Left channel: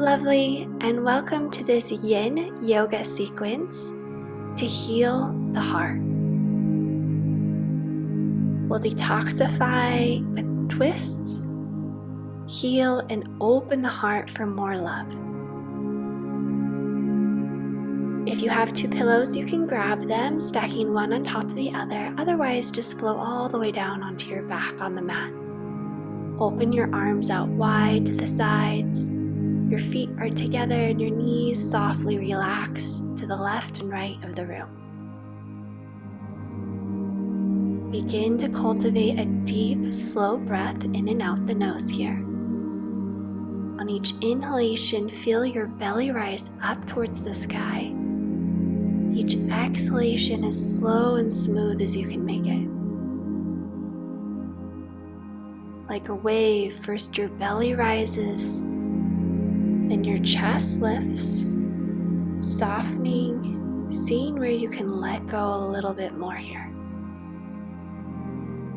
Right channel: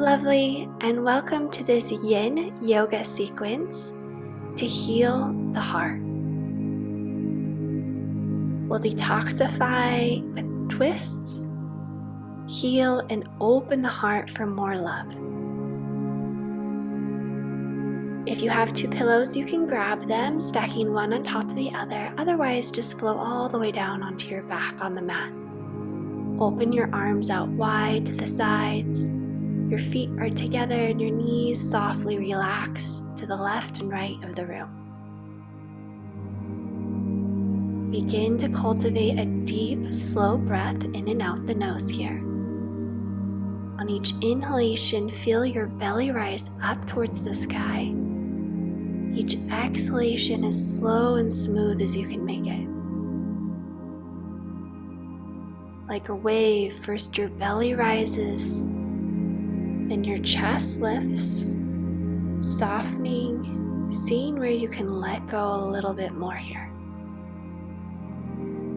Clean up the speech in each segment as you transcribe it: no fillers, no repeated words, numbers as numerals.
lovely, and welcome to this yin yoga sequence to heal the heart. We'll detoxify with twists, heal, and open the heart for more love. If you have two pillows, you can grab them, stacking one on top of the other. Otherwise, just flow all the way down onto your back on the mat. Open your arms out wide to the sides. Your feet are together and your knees softly relax to the left and right of the room. Begin to cultivate a deep, slow breath in and out the nose here. On each inhalation, feel your belly rise up towards the sky. Each exhalation as slow and smooth as you can make it. Like a wave, first your belly rises, then your chest lifts, softening, seeing where you can let go a little bit more here.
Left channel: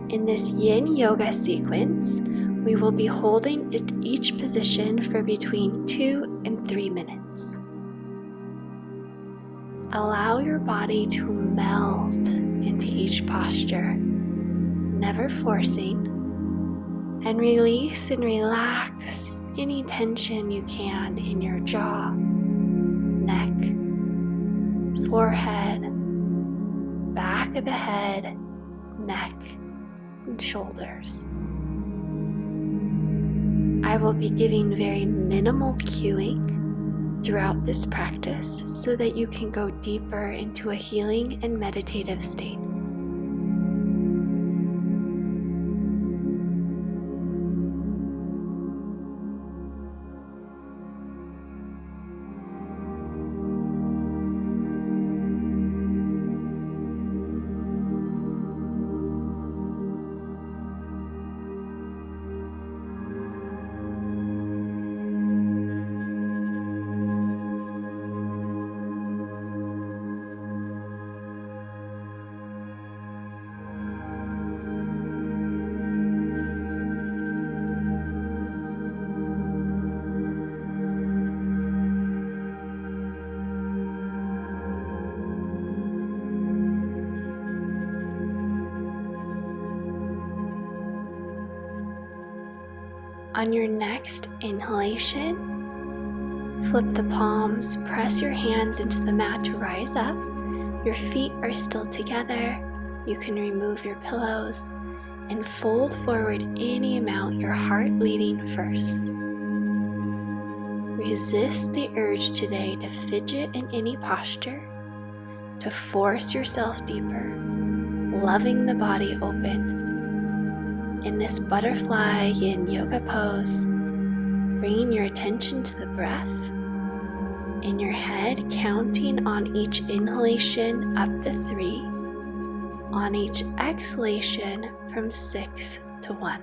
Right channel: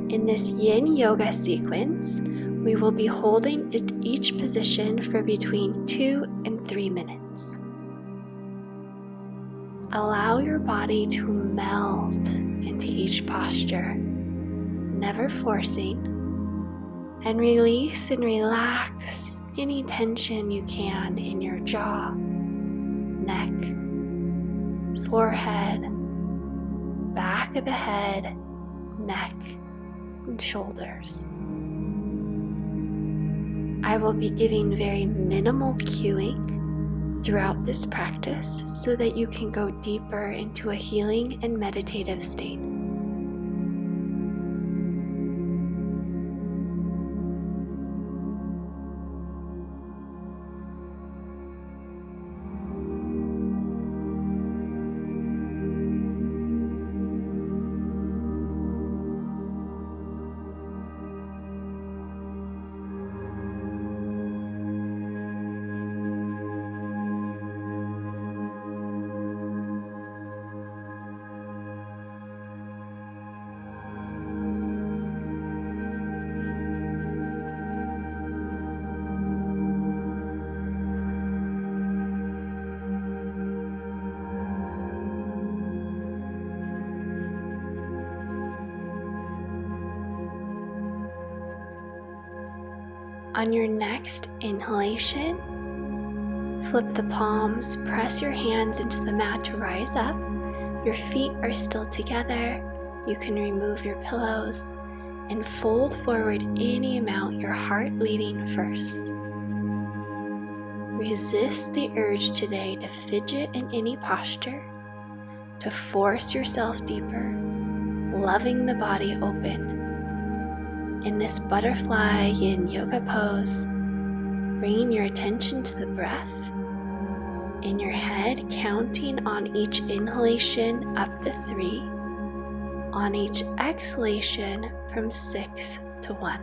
In this yin yoga sequence, we will be holding each position for between 2 and 3 minutes. Allow your body to meld into each posture, never forcing, and release and relax any tension you can in your jaw, neck, forehead, back of the head, neck, and shoulders. I will be giving very minimal cueing throughout this practice so that you can go deeper into a healing and meditative state. On your next inhalation, flip the palms, press your hands into the mat to rise up. Your feet are still together. You can remove your pillows and fold forward any amount, your heart leading first. Resist the urge today to fidget in any posture, to force yourself deeper, loving the body open. In this butterfly yin yoga pose, bringing your attention to the breath, in your head counting on each inhalation up to 3, on each exhalation from 6 to 1.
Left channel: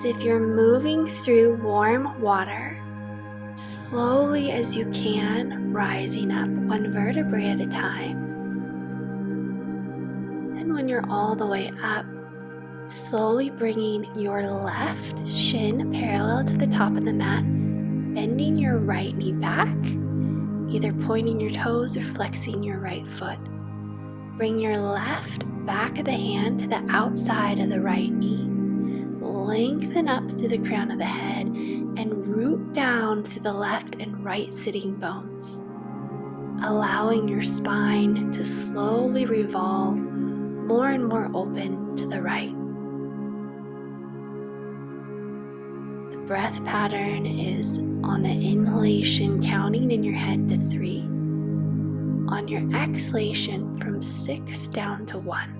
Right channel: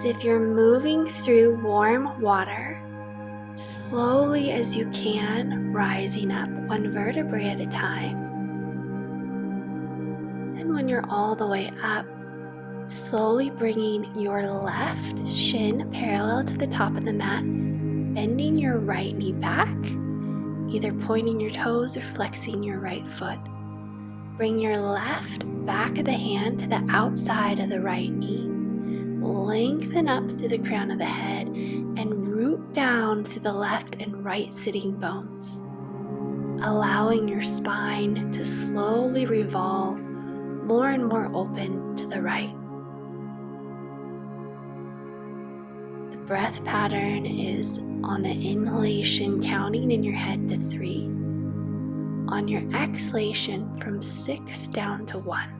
as if you're moving through warm water, slowly as you can, rising up one vertebrae at a time. And when you're all the way up, slowly bringing your left shin parallel to the top of the mat, bending your right knee back, either pointing your toes or flexing your right foot. Bring your left back of the hand to the outside of the right knee. Lengthen up through the crown of the head and root down through the left and right sitting bones, allowing your spine to slowly revolve more and more open to the right. The breath pattern is on the inhalation, counting in your head to 3. On your exhalation, from 6 down to 1.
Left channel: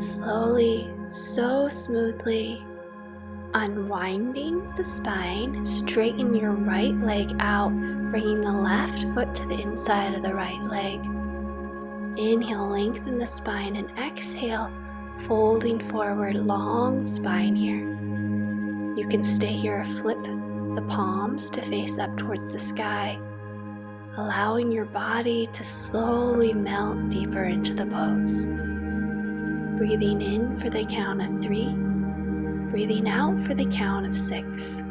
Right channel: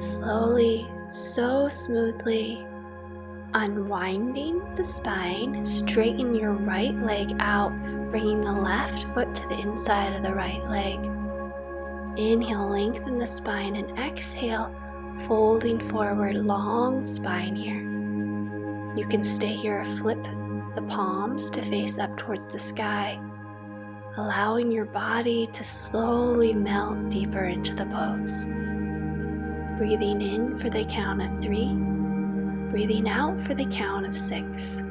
Slowly, so smoothly, unwinding the spine, straighten your right leg out, bringing the left foot to the inside of the right leg. Inhale, lengthen the spine, and exhale, folding forward, long spine here. You can stay here or flip the palms to face up towards the sky, allowing your body to slowly melt deeper into the pose. Breathing in for the count of 3, breathing out for the count of 6.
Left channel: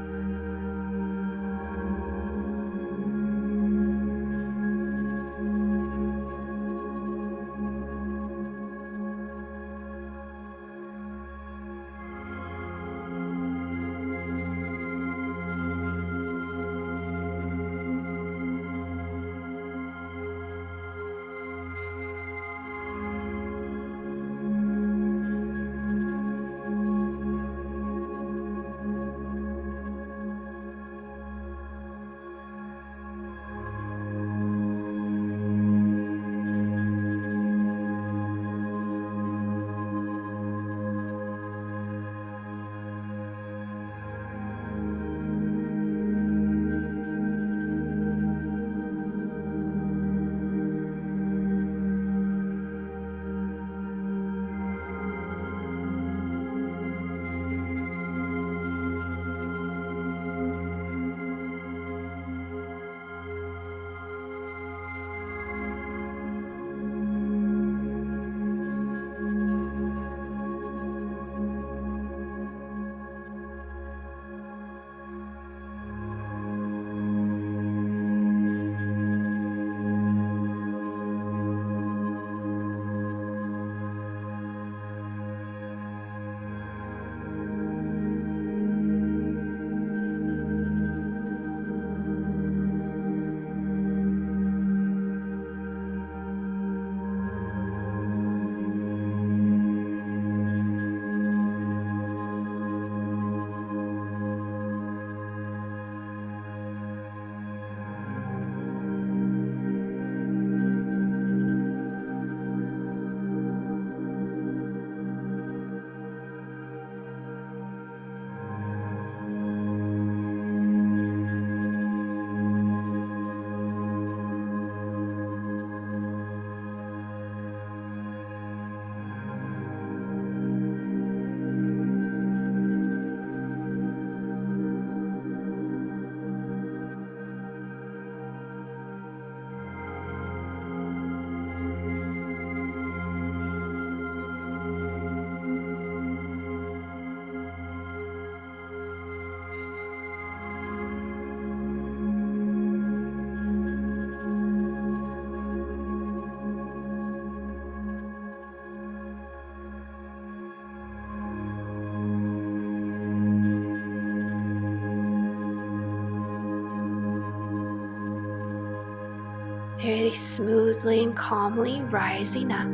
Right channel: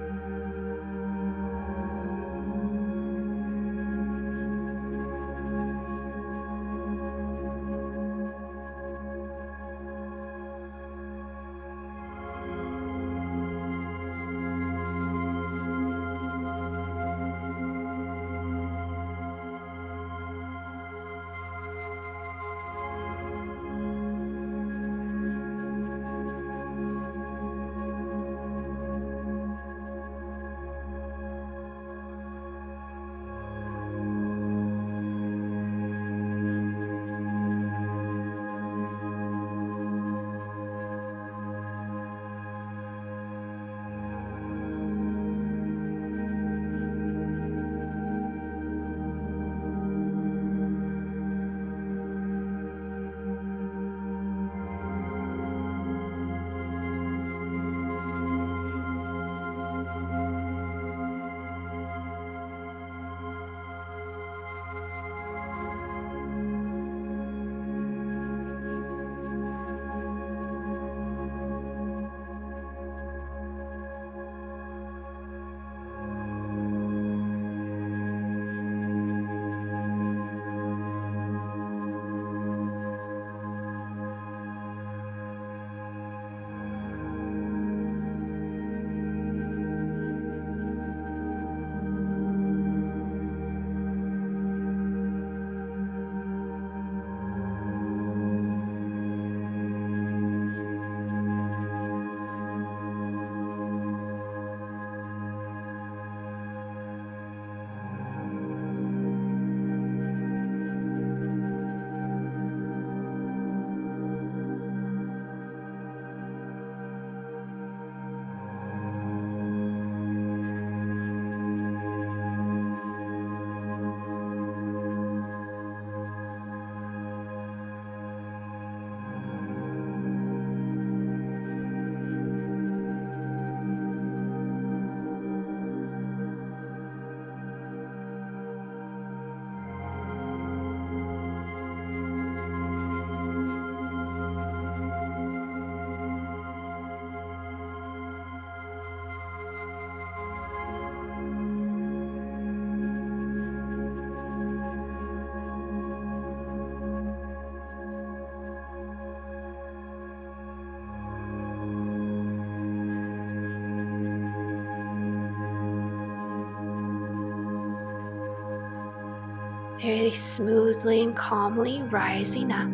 very smoothly and calmly rising up.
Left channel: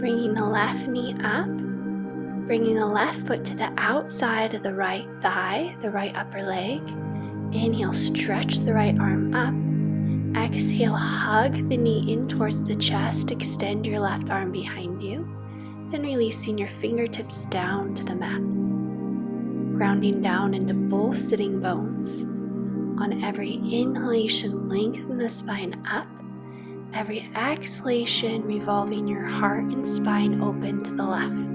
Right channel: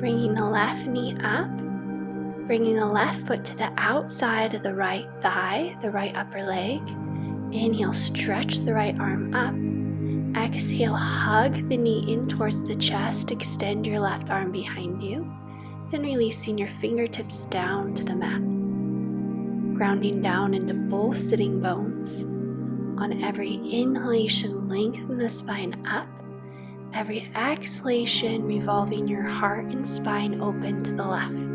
Bringing the left knee up, bringing the left foot to the outside of the right thigh, the right upper leg. Inhale, stretch the right arm up. Exhale, hug the knee in towards the chest, extend your left arm behind you. Then releasing your fingertips down to the mat. Grounding down into both sitting bones. On every inhalation, lengthen the spine up. Every exhalation, revolving your heart and spine open to the left.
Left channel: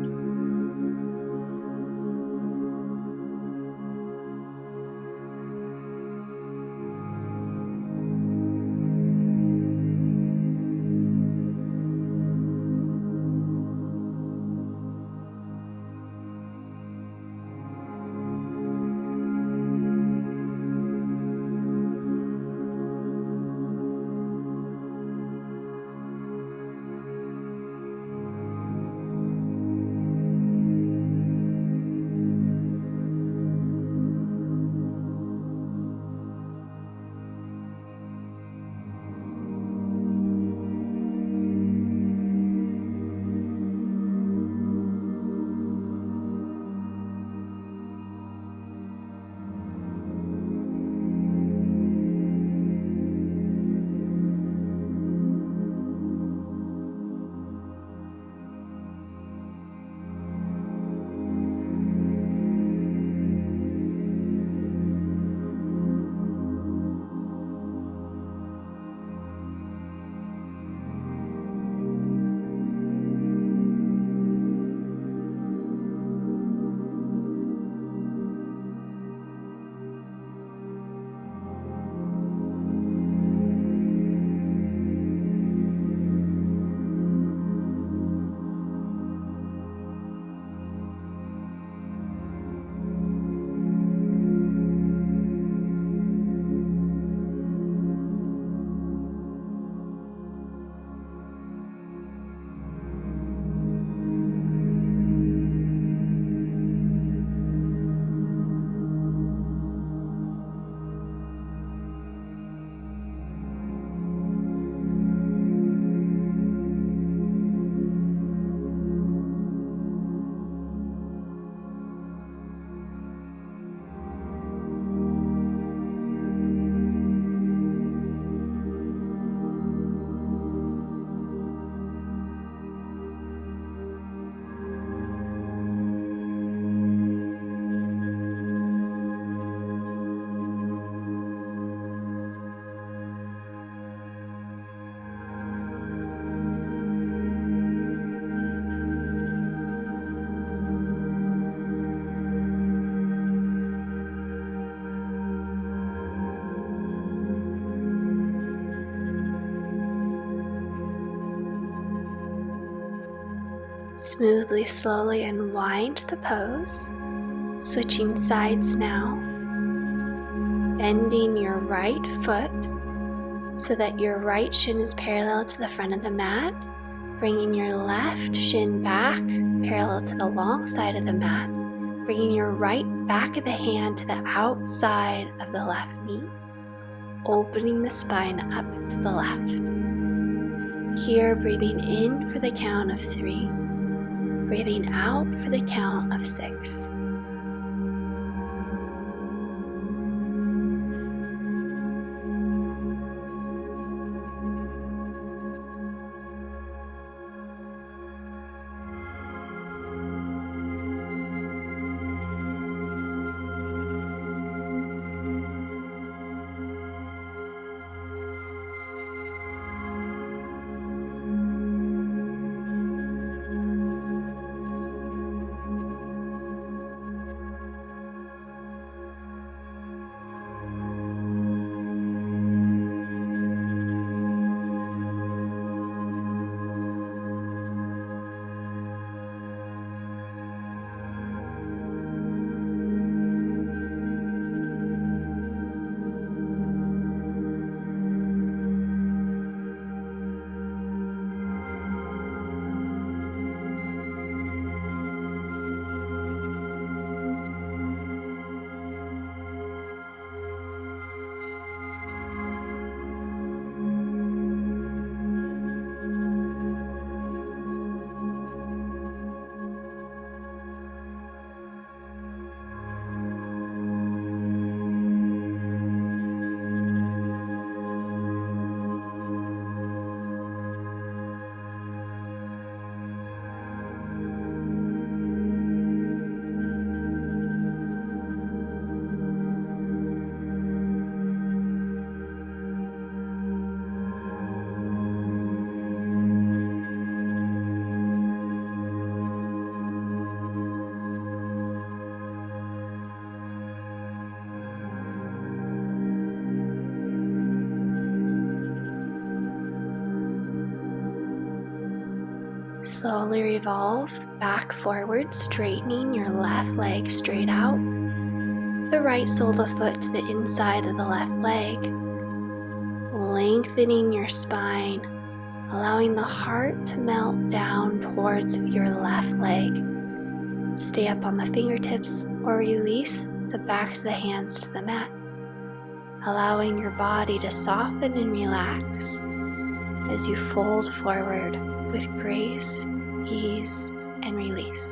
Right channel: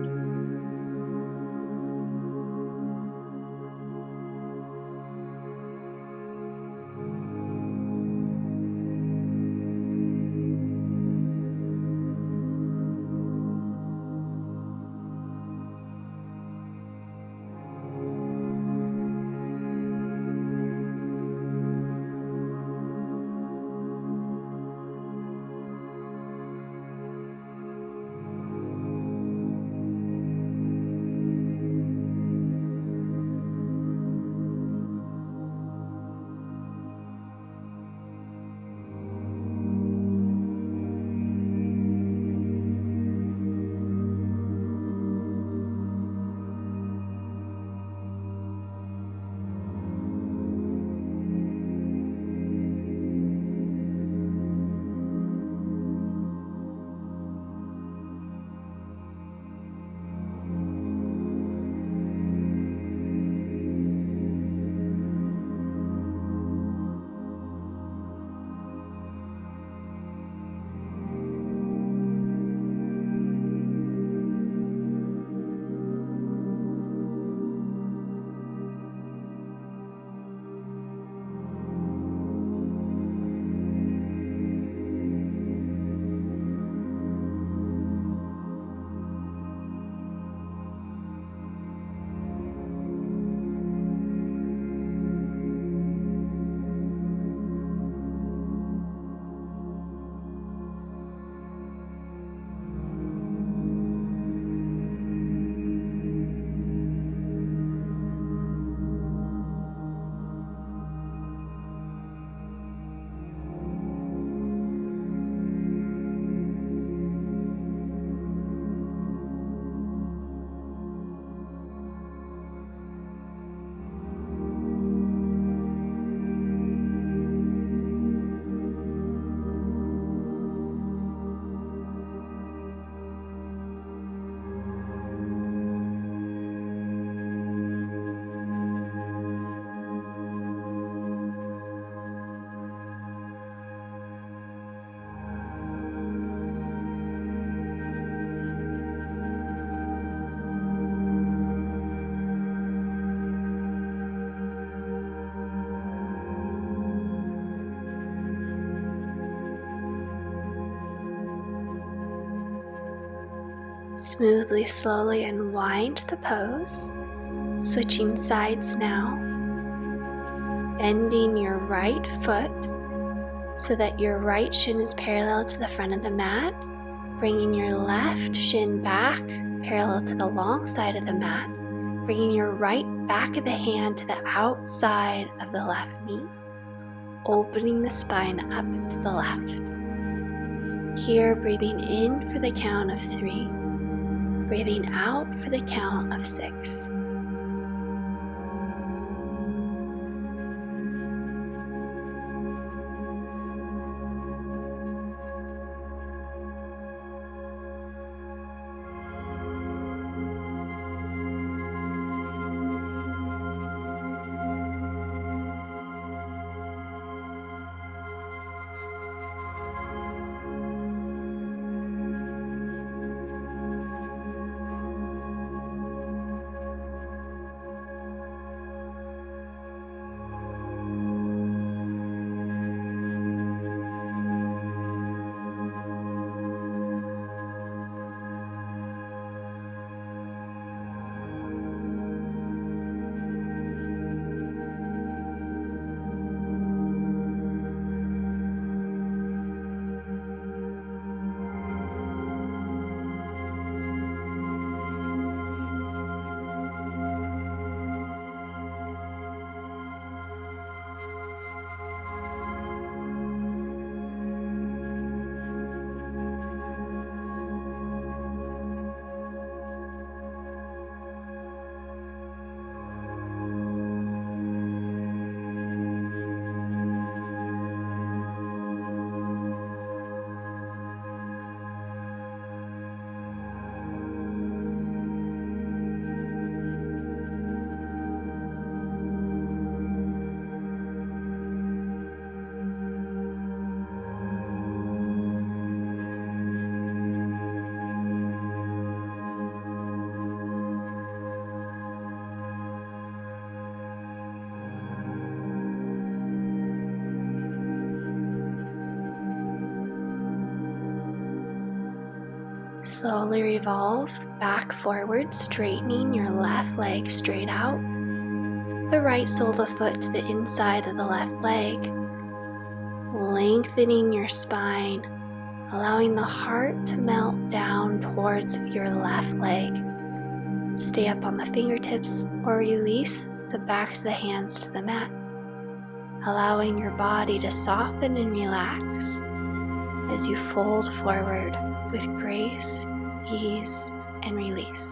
Smoothly, slowly unwind the pose, switching sides now. Bending your right foot so that your right shin is parallel to the front of the mat. Bringing your left shin back parallel to the long side of the mat. Bringing your right back of the hand to the outside of the left knee. Opening the spine up to the left. Here, breathing in for the count of 3. Breathing out for the count of 6. Slowly revolve back forward, straightening your left leg straight out. The right sole of the foot to the inside of the left leg. Lengthening your spine, allowing the heart to melt down towards your left leg. Stay up on the fingertips or release the backs of the hands to the mat, allowing your body to soften and relax as you fold forward with grace, ease, and release.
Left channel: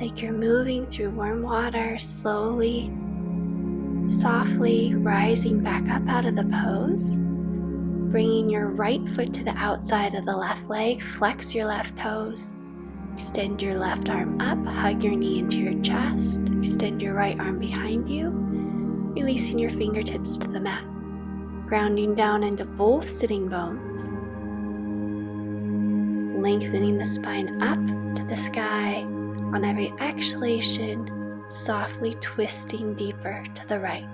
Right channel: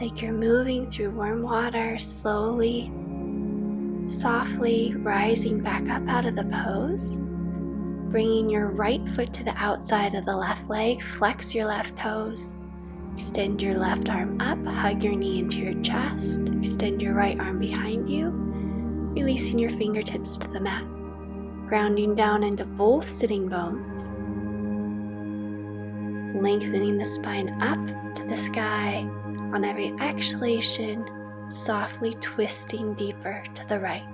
Like you're moving through warm water, slowly, softly rising back up out of the pose. Bringing your right foot to the outside of the left leg, flex your left toes. Extend your left arm up, hug your knee into your chest. Extend your right arm behind you, releasing your fingertips to the mat. Grounding down into both sitting bones. Lengthening the spine up to the sky. On every exhalation, softly twisting deeper to the right.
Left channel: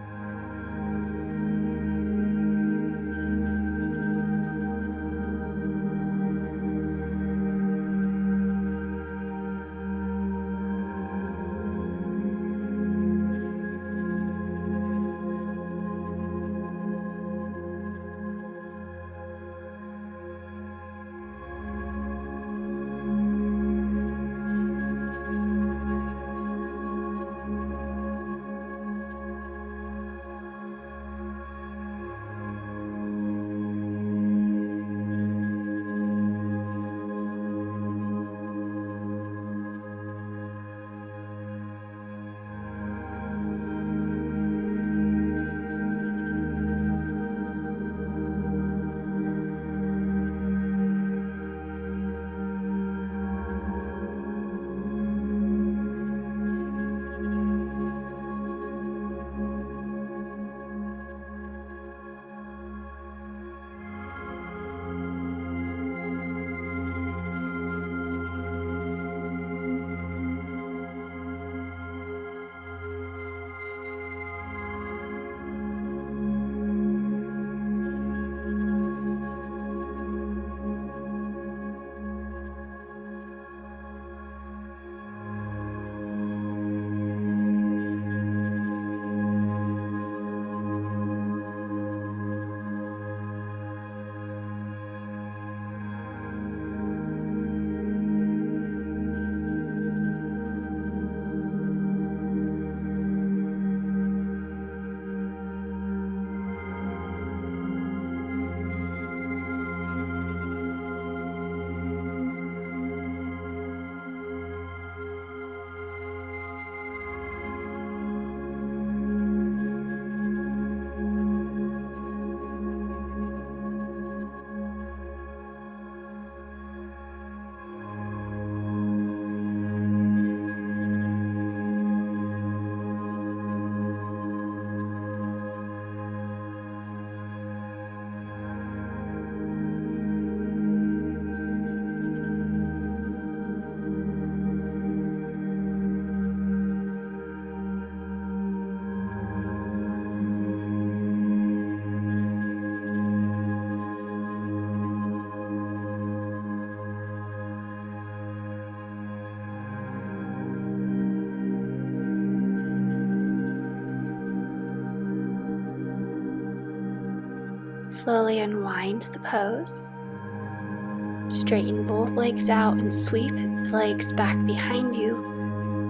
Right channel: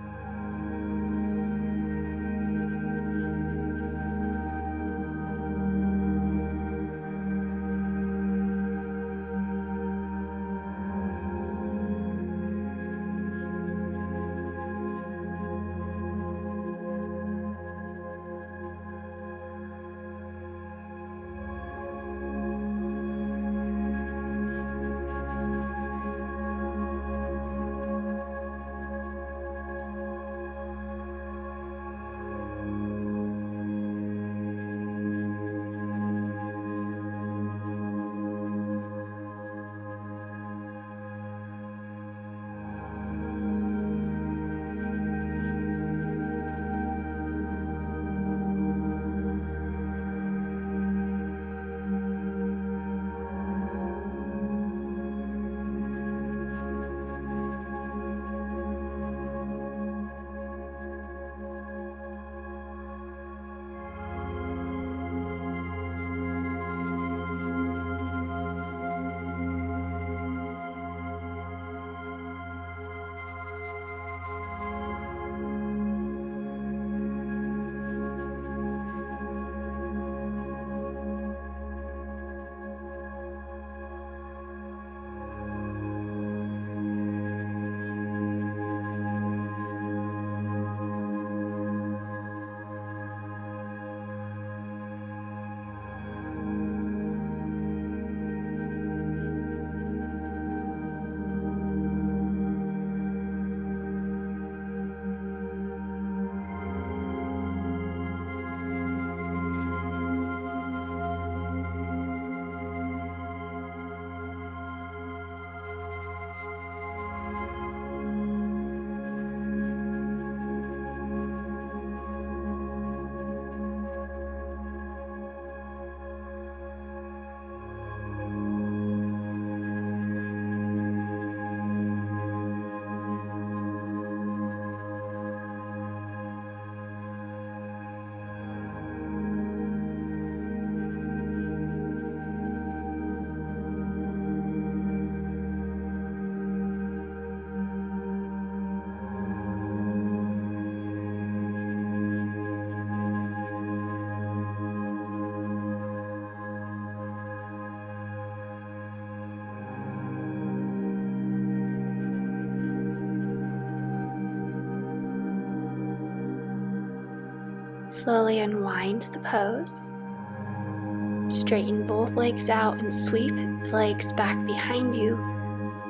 Slowly unwind the pose. Straighten both legs out and sweep the legs back behind you,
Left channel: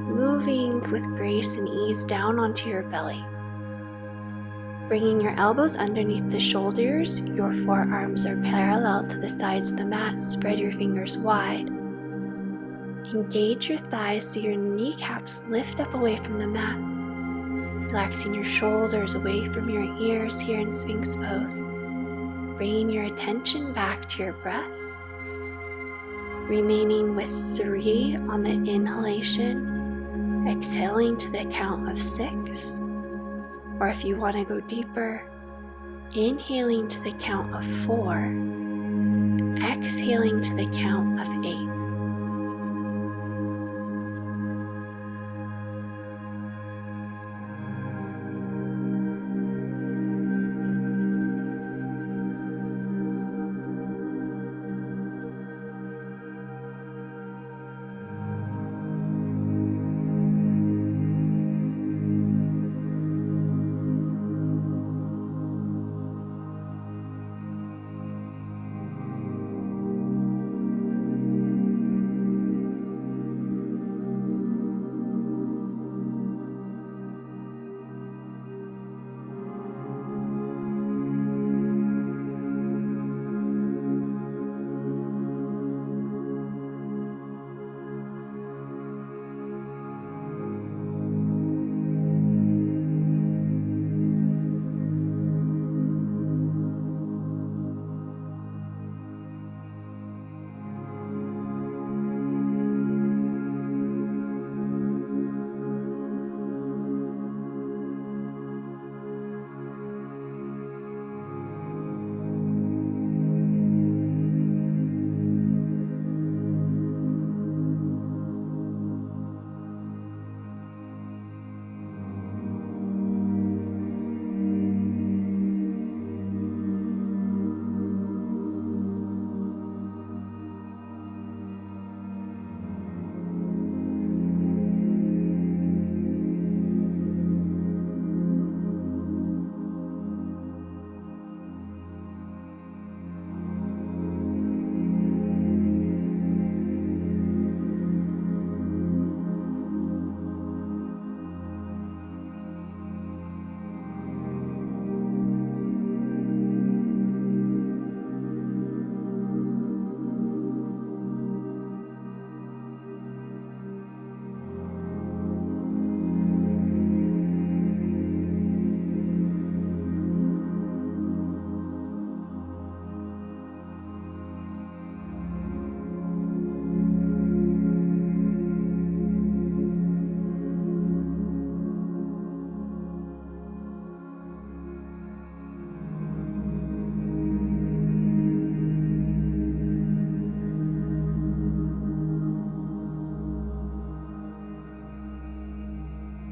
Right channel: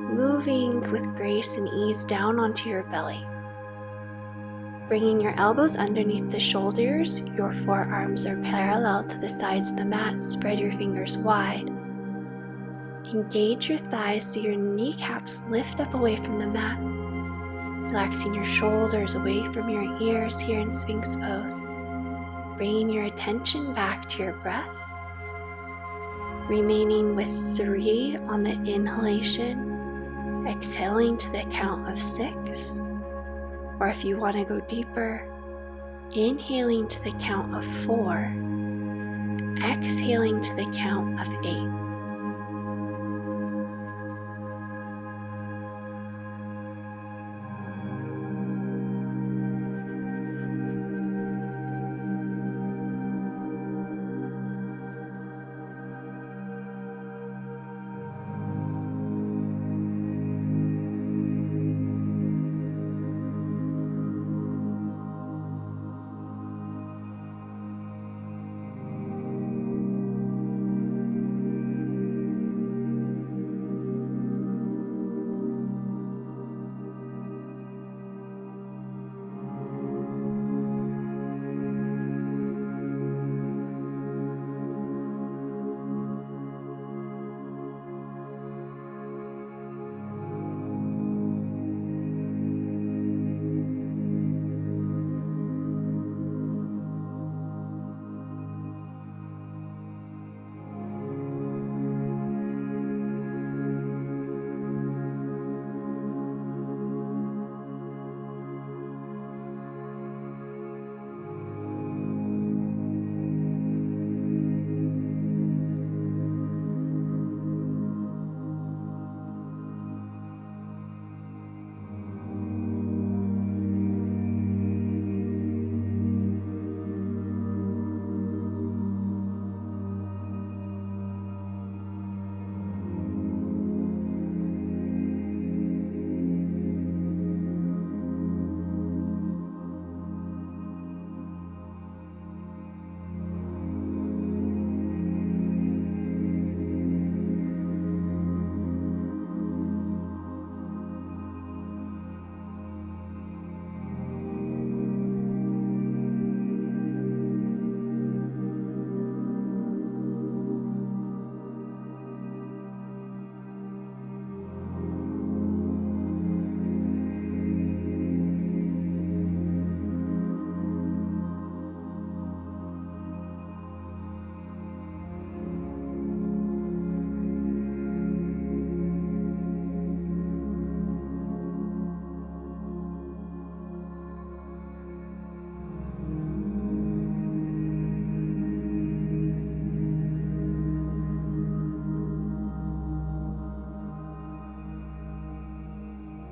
moving with grace and ease down onto your belly. Bringing your elbows underneath the shoulders, your forearms are parallel to the sides of the mat. Spread your fingers wide. Engage your thighs so your kneecaps lift up away from the mat. Relaxing your shoulders away from your ears here in Sphinx pose. Bringing your attention back to your breath. Remaining with 3 on the inhalation, exhaling to the count of 6. Or if you want to go deeper, inhaling to the count of 4, exhaling to the count of 8.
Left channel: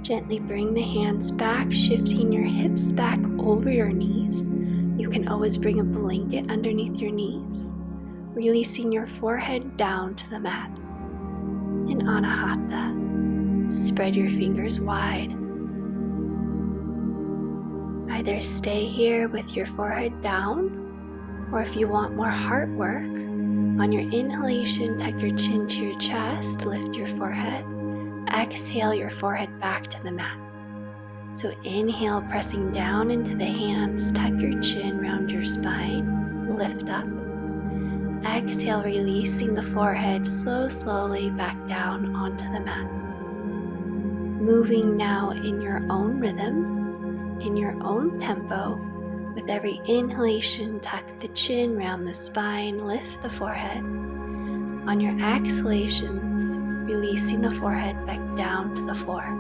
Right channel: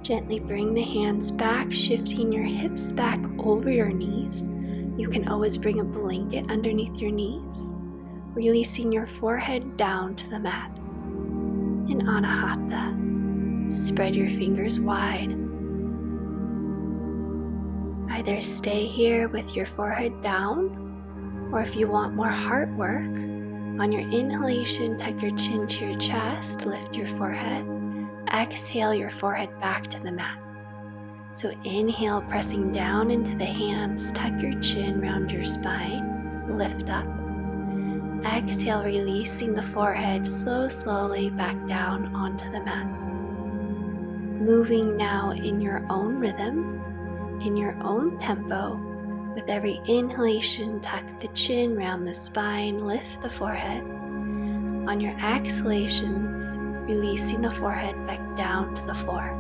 Gently bring the hands back, shifting your hips back over your knees. You can always bring a blanket underneath your knees, releasing your forehead down to the mat. In Anahata, spread your fingers wide. Either stay here with your forehead down, or if you want more heart work, on your inhalation, tuck your chin to your chest, lift your forehead. Exhale your forehead back to the mat. So inhale, pressing down into the hands, tuck your chin round your spine, lift up. Exhale, releasing the forehead slowly back down onto the mat. Moving now in your own rhythm, in your own tempo. With every inhalation, tuck the chin round the spine, lift the forehead. On your exhalations, releasing the forehead back down to the floor.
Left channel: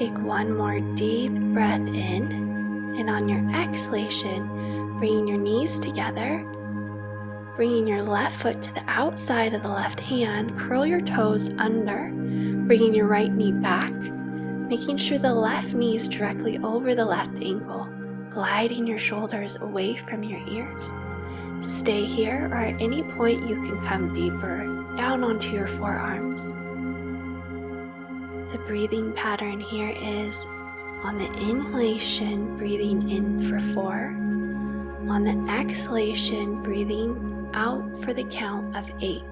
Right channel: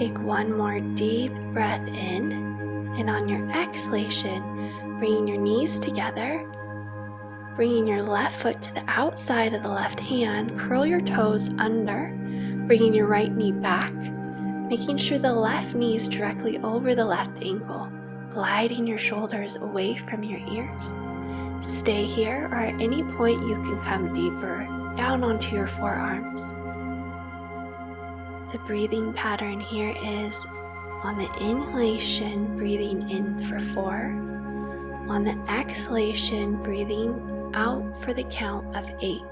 Take one more deep breath in, and on your exhalation, bringing your knees together, bringing your left foot to the outside of the left hand, curl your toes under, bringing your right knee back, making sure the left knee is directly over the left ankle, gliding your shoulders away from your ears. Stay here, or at any point you can come deeper down onto your forearms. The breathing pattern here is on the inhalation, breathing in for 4. On the exhalation, breathing out for the count of 8.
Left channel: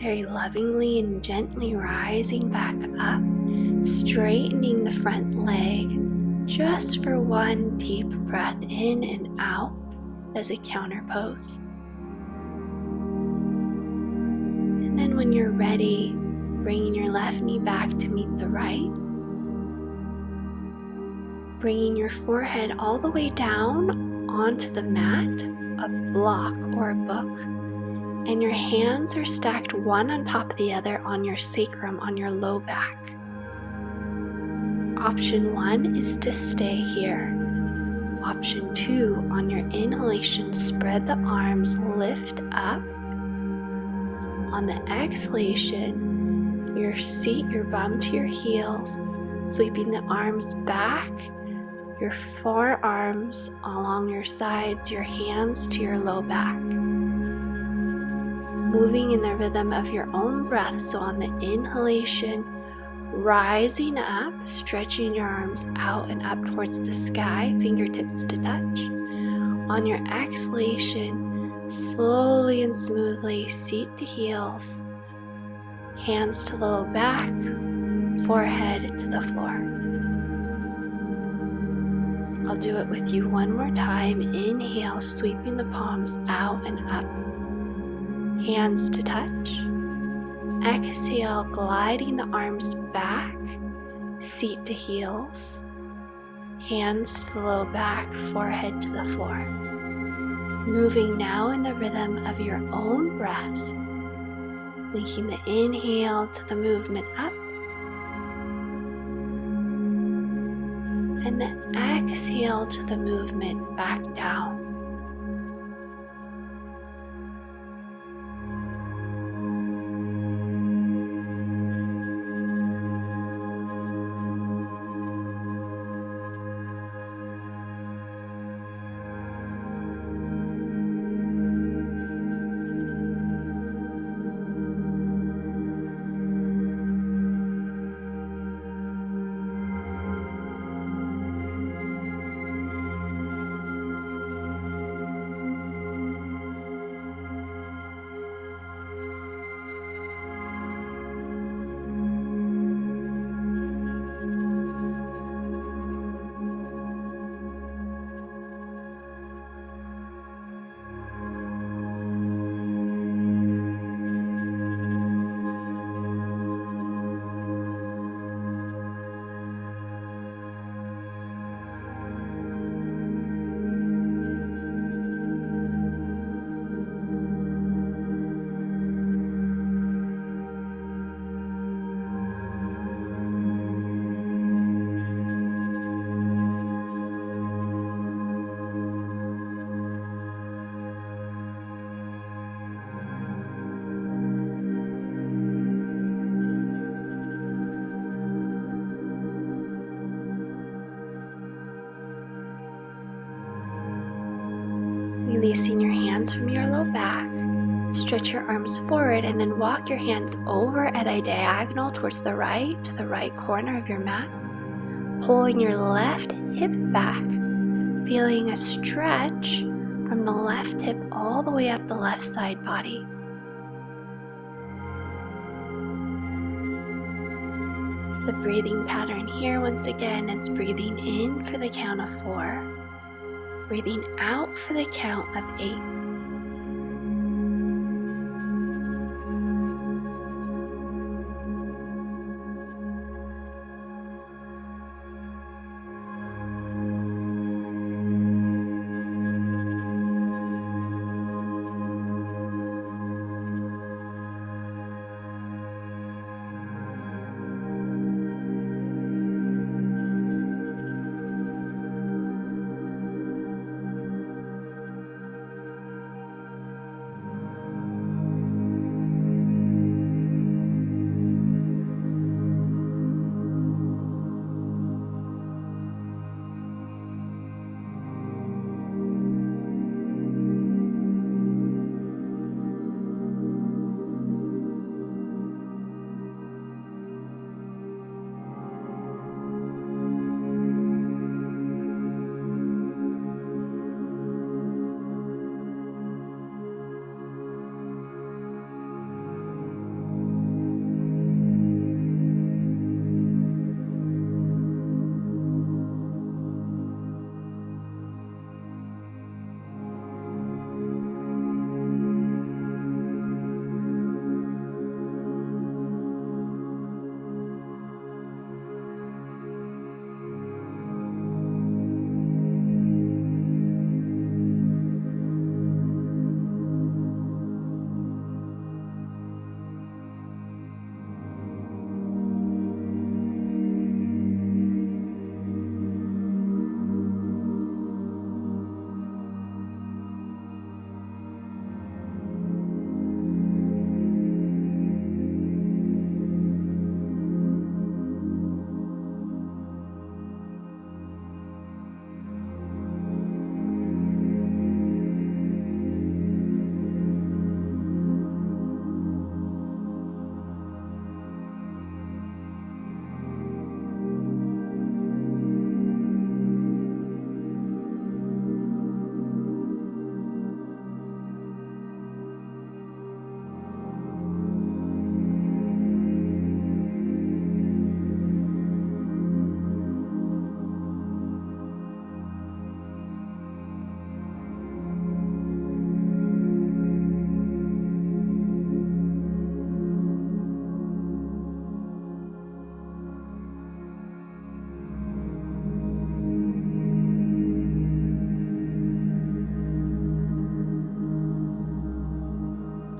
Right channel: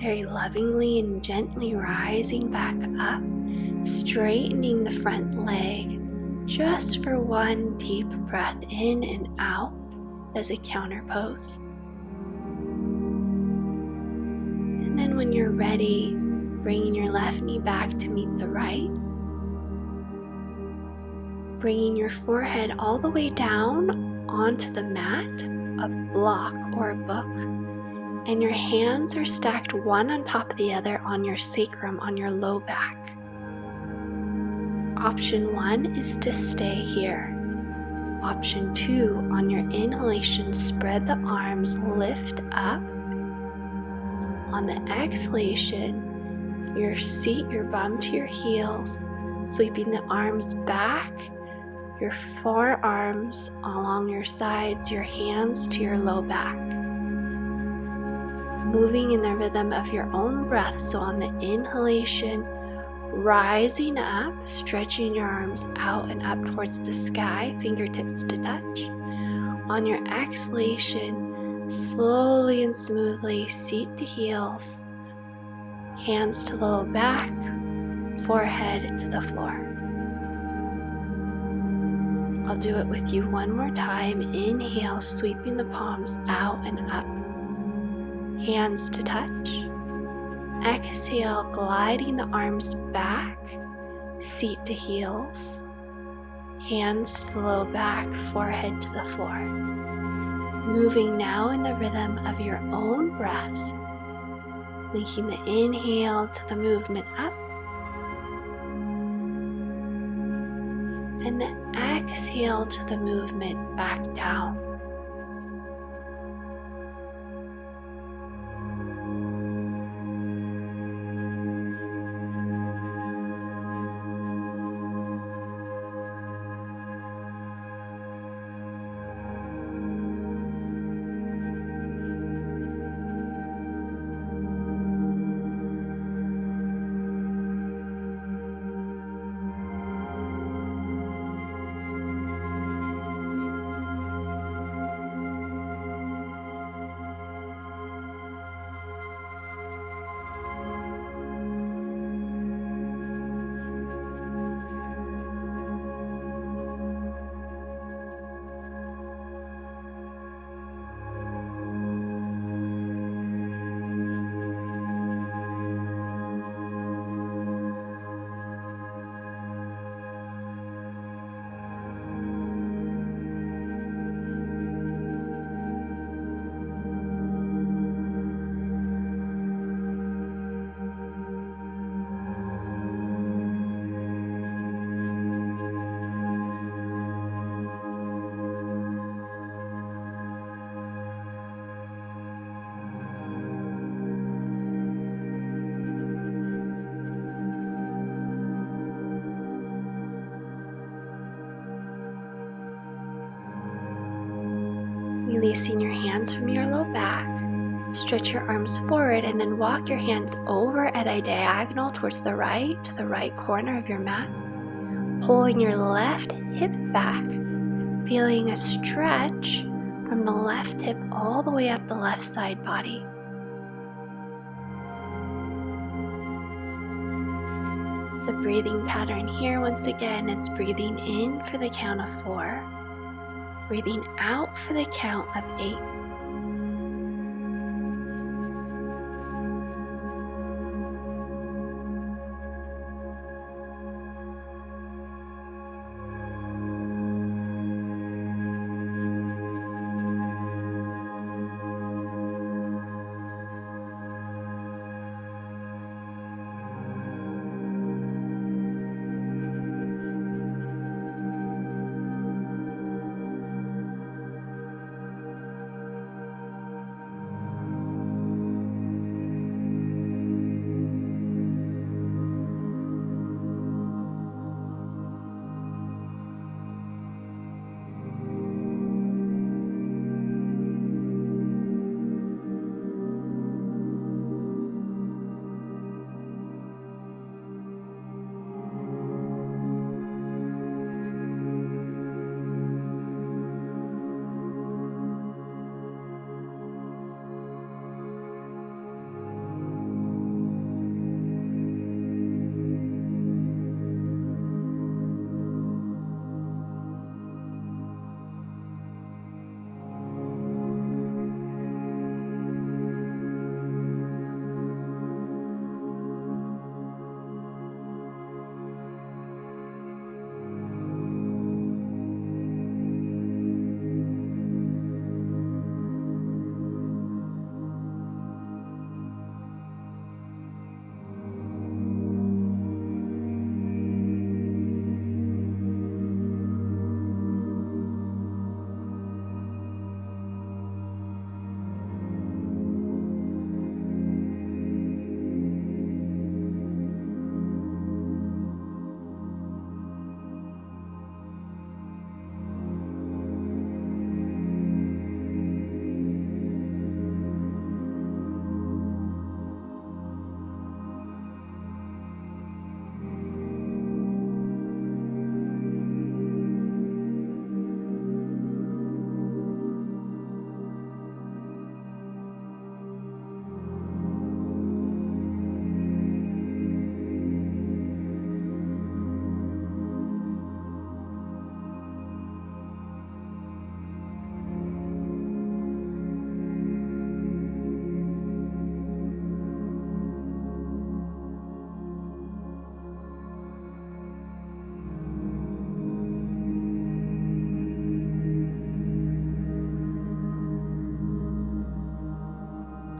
Very lovingly and gently rising back up, straightening the front leg just for one deep breath in and out as a counter pose. And then when you're ready, bringing your left knee back to meet the right, bringing your forehead all the way down onto the mat, a block or a book, and your hands are stacked one on top of the other on your sacrum, on your low back. Option 1 is to stay here. Option 2, on your inhalation, spread the arms, lift up. On the exhalation, seat your bum to your heels, sweeping the arms back, your forearms along your sides, your hands to your low back. Moving in the rhythm of your own breath. So on the inhalation, rising up, stretching your arms out and up towards the sky, fingertips to touch. On your exhalation, slowly and smoothly, seat to heels, hands to the low back, forehead to the floor. I'll do it with you one more time. Inhale, sweeping the palms out and up. Hands to touch. Exhale, gliding the arms back, seat to heels, hands to the low back, forehead to the floor. moving now in the rhythm of your own breath, linking the inhale to the movement up and the exhale to the movement back down. Releasing your hands from your low back, stretch your arms forward and then walk your hands over at a diagonal towards the right corner of your mat, pulling your left hip back, feeling a stretch from the left hip all the way up the left side body. The breathing pattern here once again is breathing in for the count of 4, breathing out for the count of 8.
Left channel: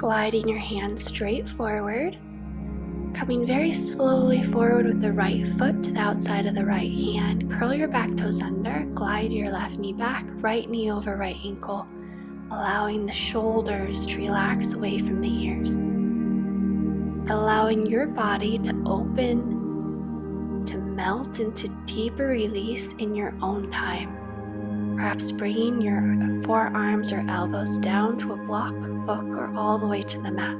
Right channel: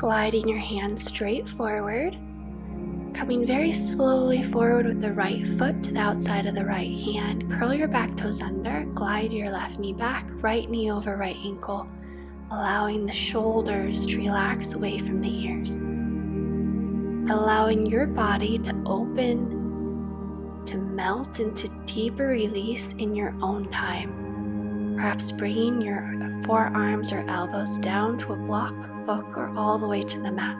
gliding your hands straight forward, coming very slowly forward with the right foot to the outside of the right hand. Curl your back toes under, glide your left knee back, right knee over right ankle, allowing the shoulders to relax away from the ears. Allowing your body to open, to melt into deeper release in your own time. Perhaps bringing your forearms or elbows down to a block, book, or all the way to the mat.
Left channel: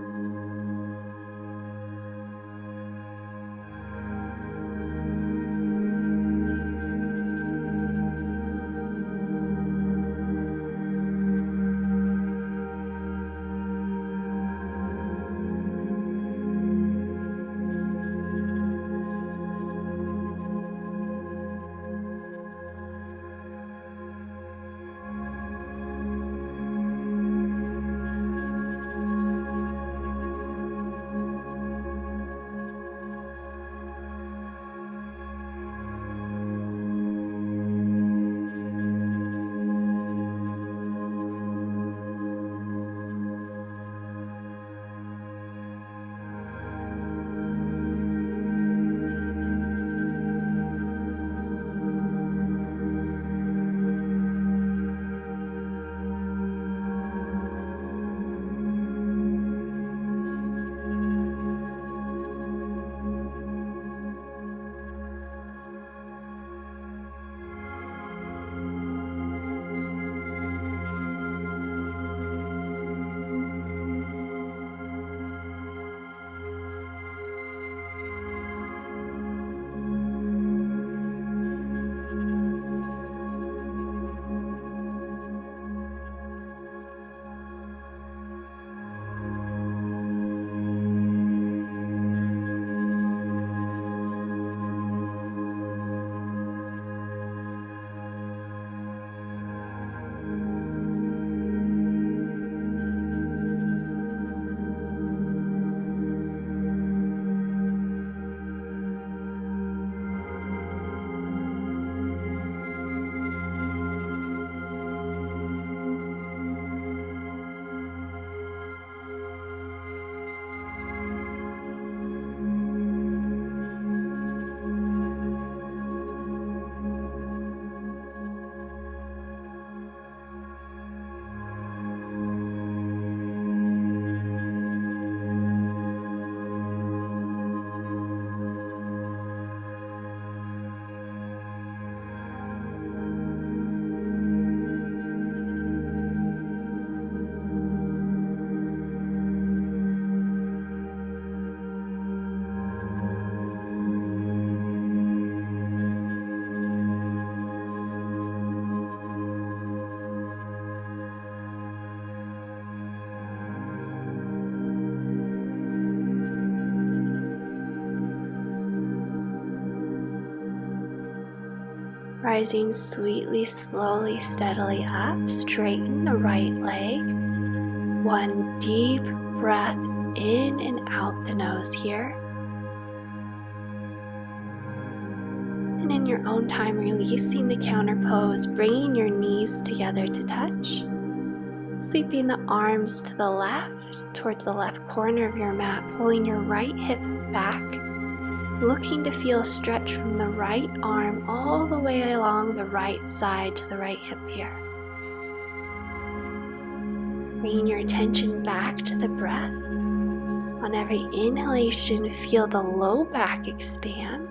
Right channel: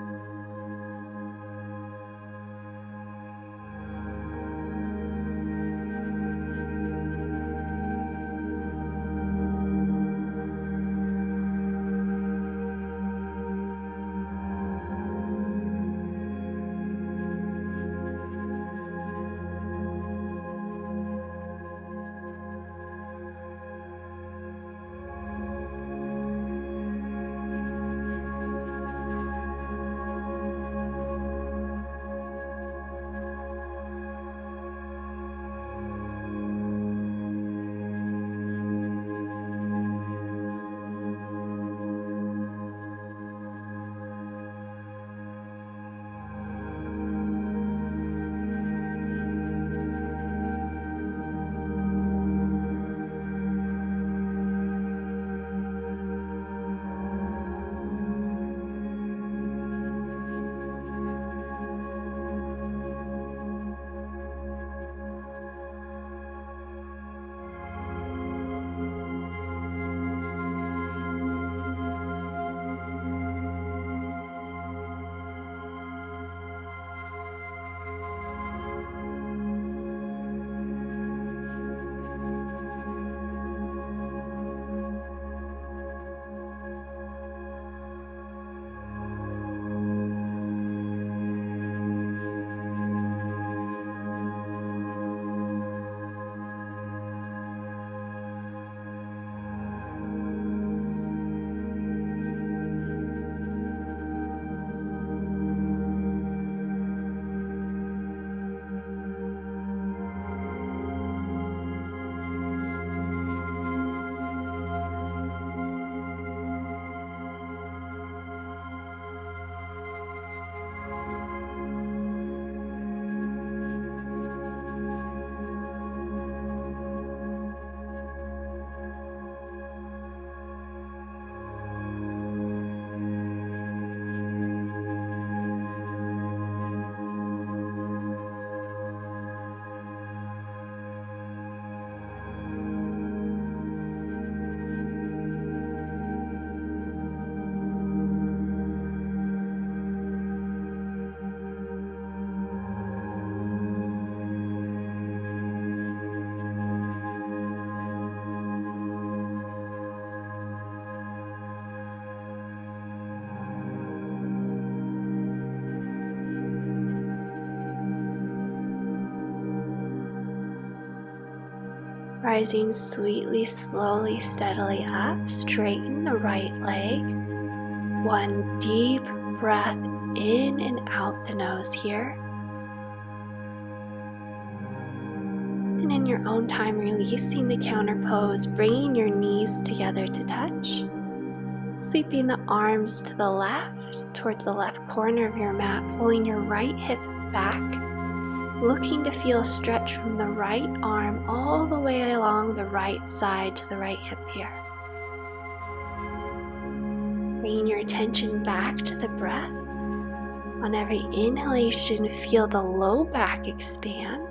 Rising sweetly, slowly, steadily up, straighten the right leg. One deep breath in and out the nose here. And in your own time, releasing the counter pose, bringing your knees together to touch. Sweeping the arms to the left, towards the left corner of your mat, pulling your right hip back. Looking to feel a stretch from the right arm all the way along the right side to the right hip here. Bringing your attention back to the breath. On every inhalation, feel the low back expand,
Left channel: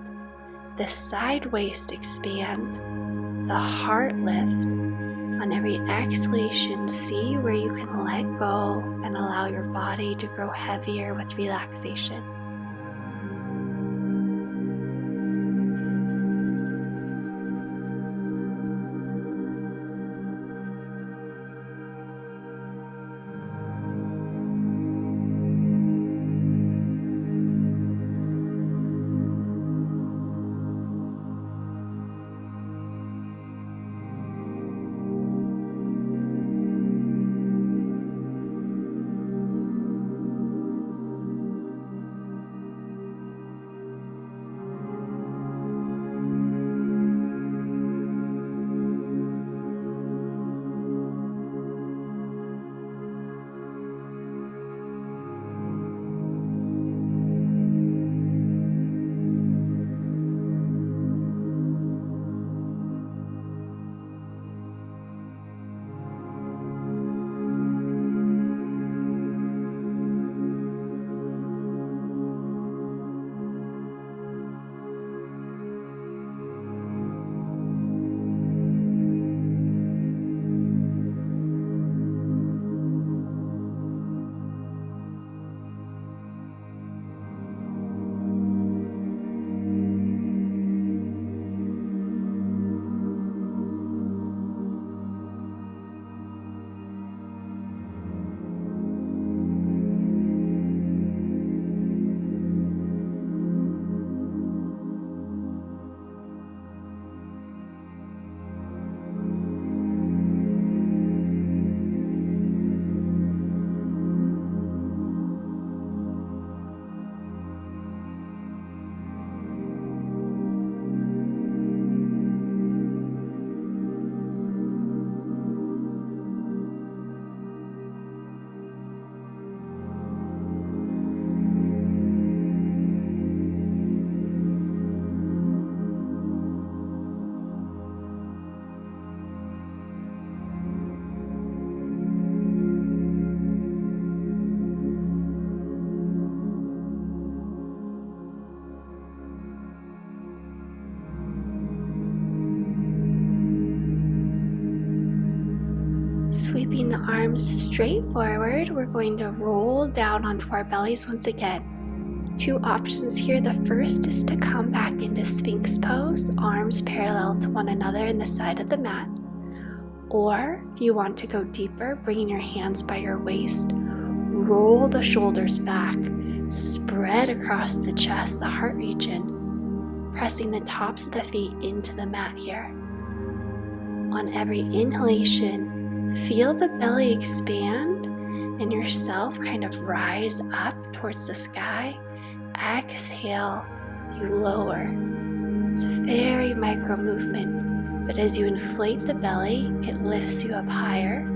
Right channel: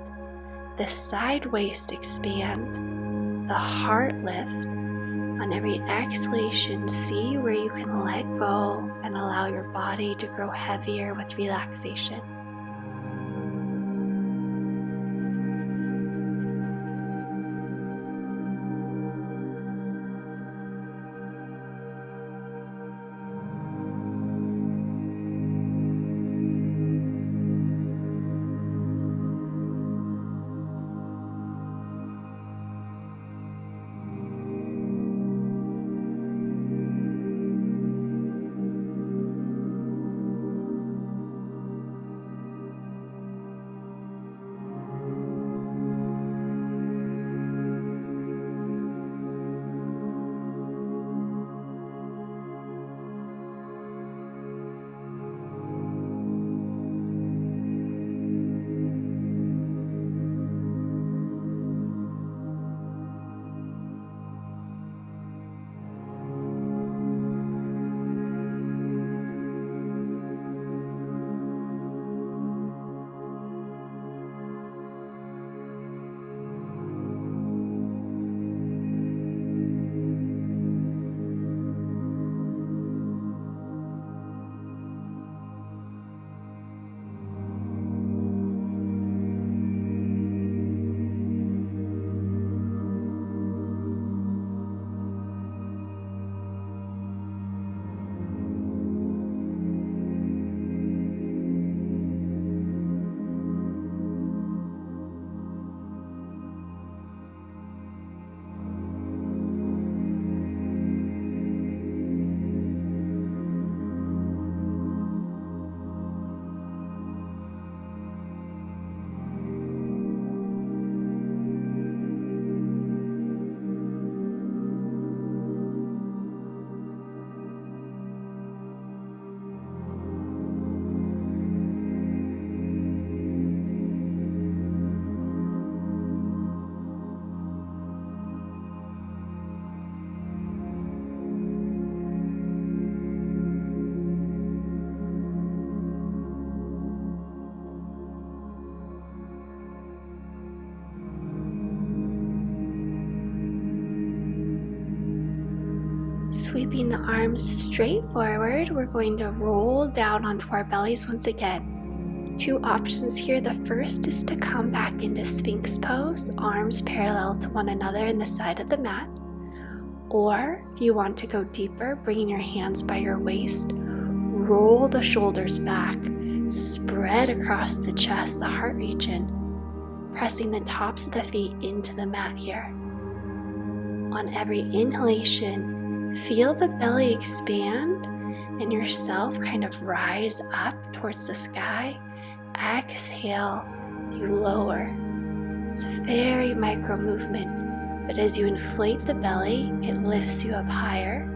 the side waist expand, the heart lift. On every exhalation, see where you can let go and allow your body to grow heavier with relaxation. Sweeping the arms straight forward, we're going to roll down onto our bellies once again. Two options here. The first is to come back into Sphinx pose, arms parallel to one another in the side of the mat. Or if you want to go deeper, bringing your hands by your waist, roll the shoulders back, spread across the chest, the heart region, pressing the tops of the feet into the mat here. On every inhalation, feel the belly expand and yourself kind of rise up towards the sky. Exhale, you lower. It's a very micro movement, but as you inflate the belly, it lifts you up higher.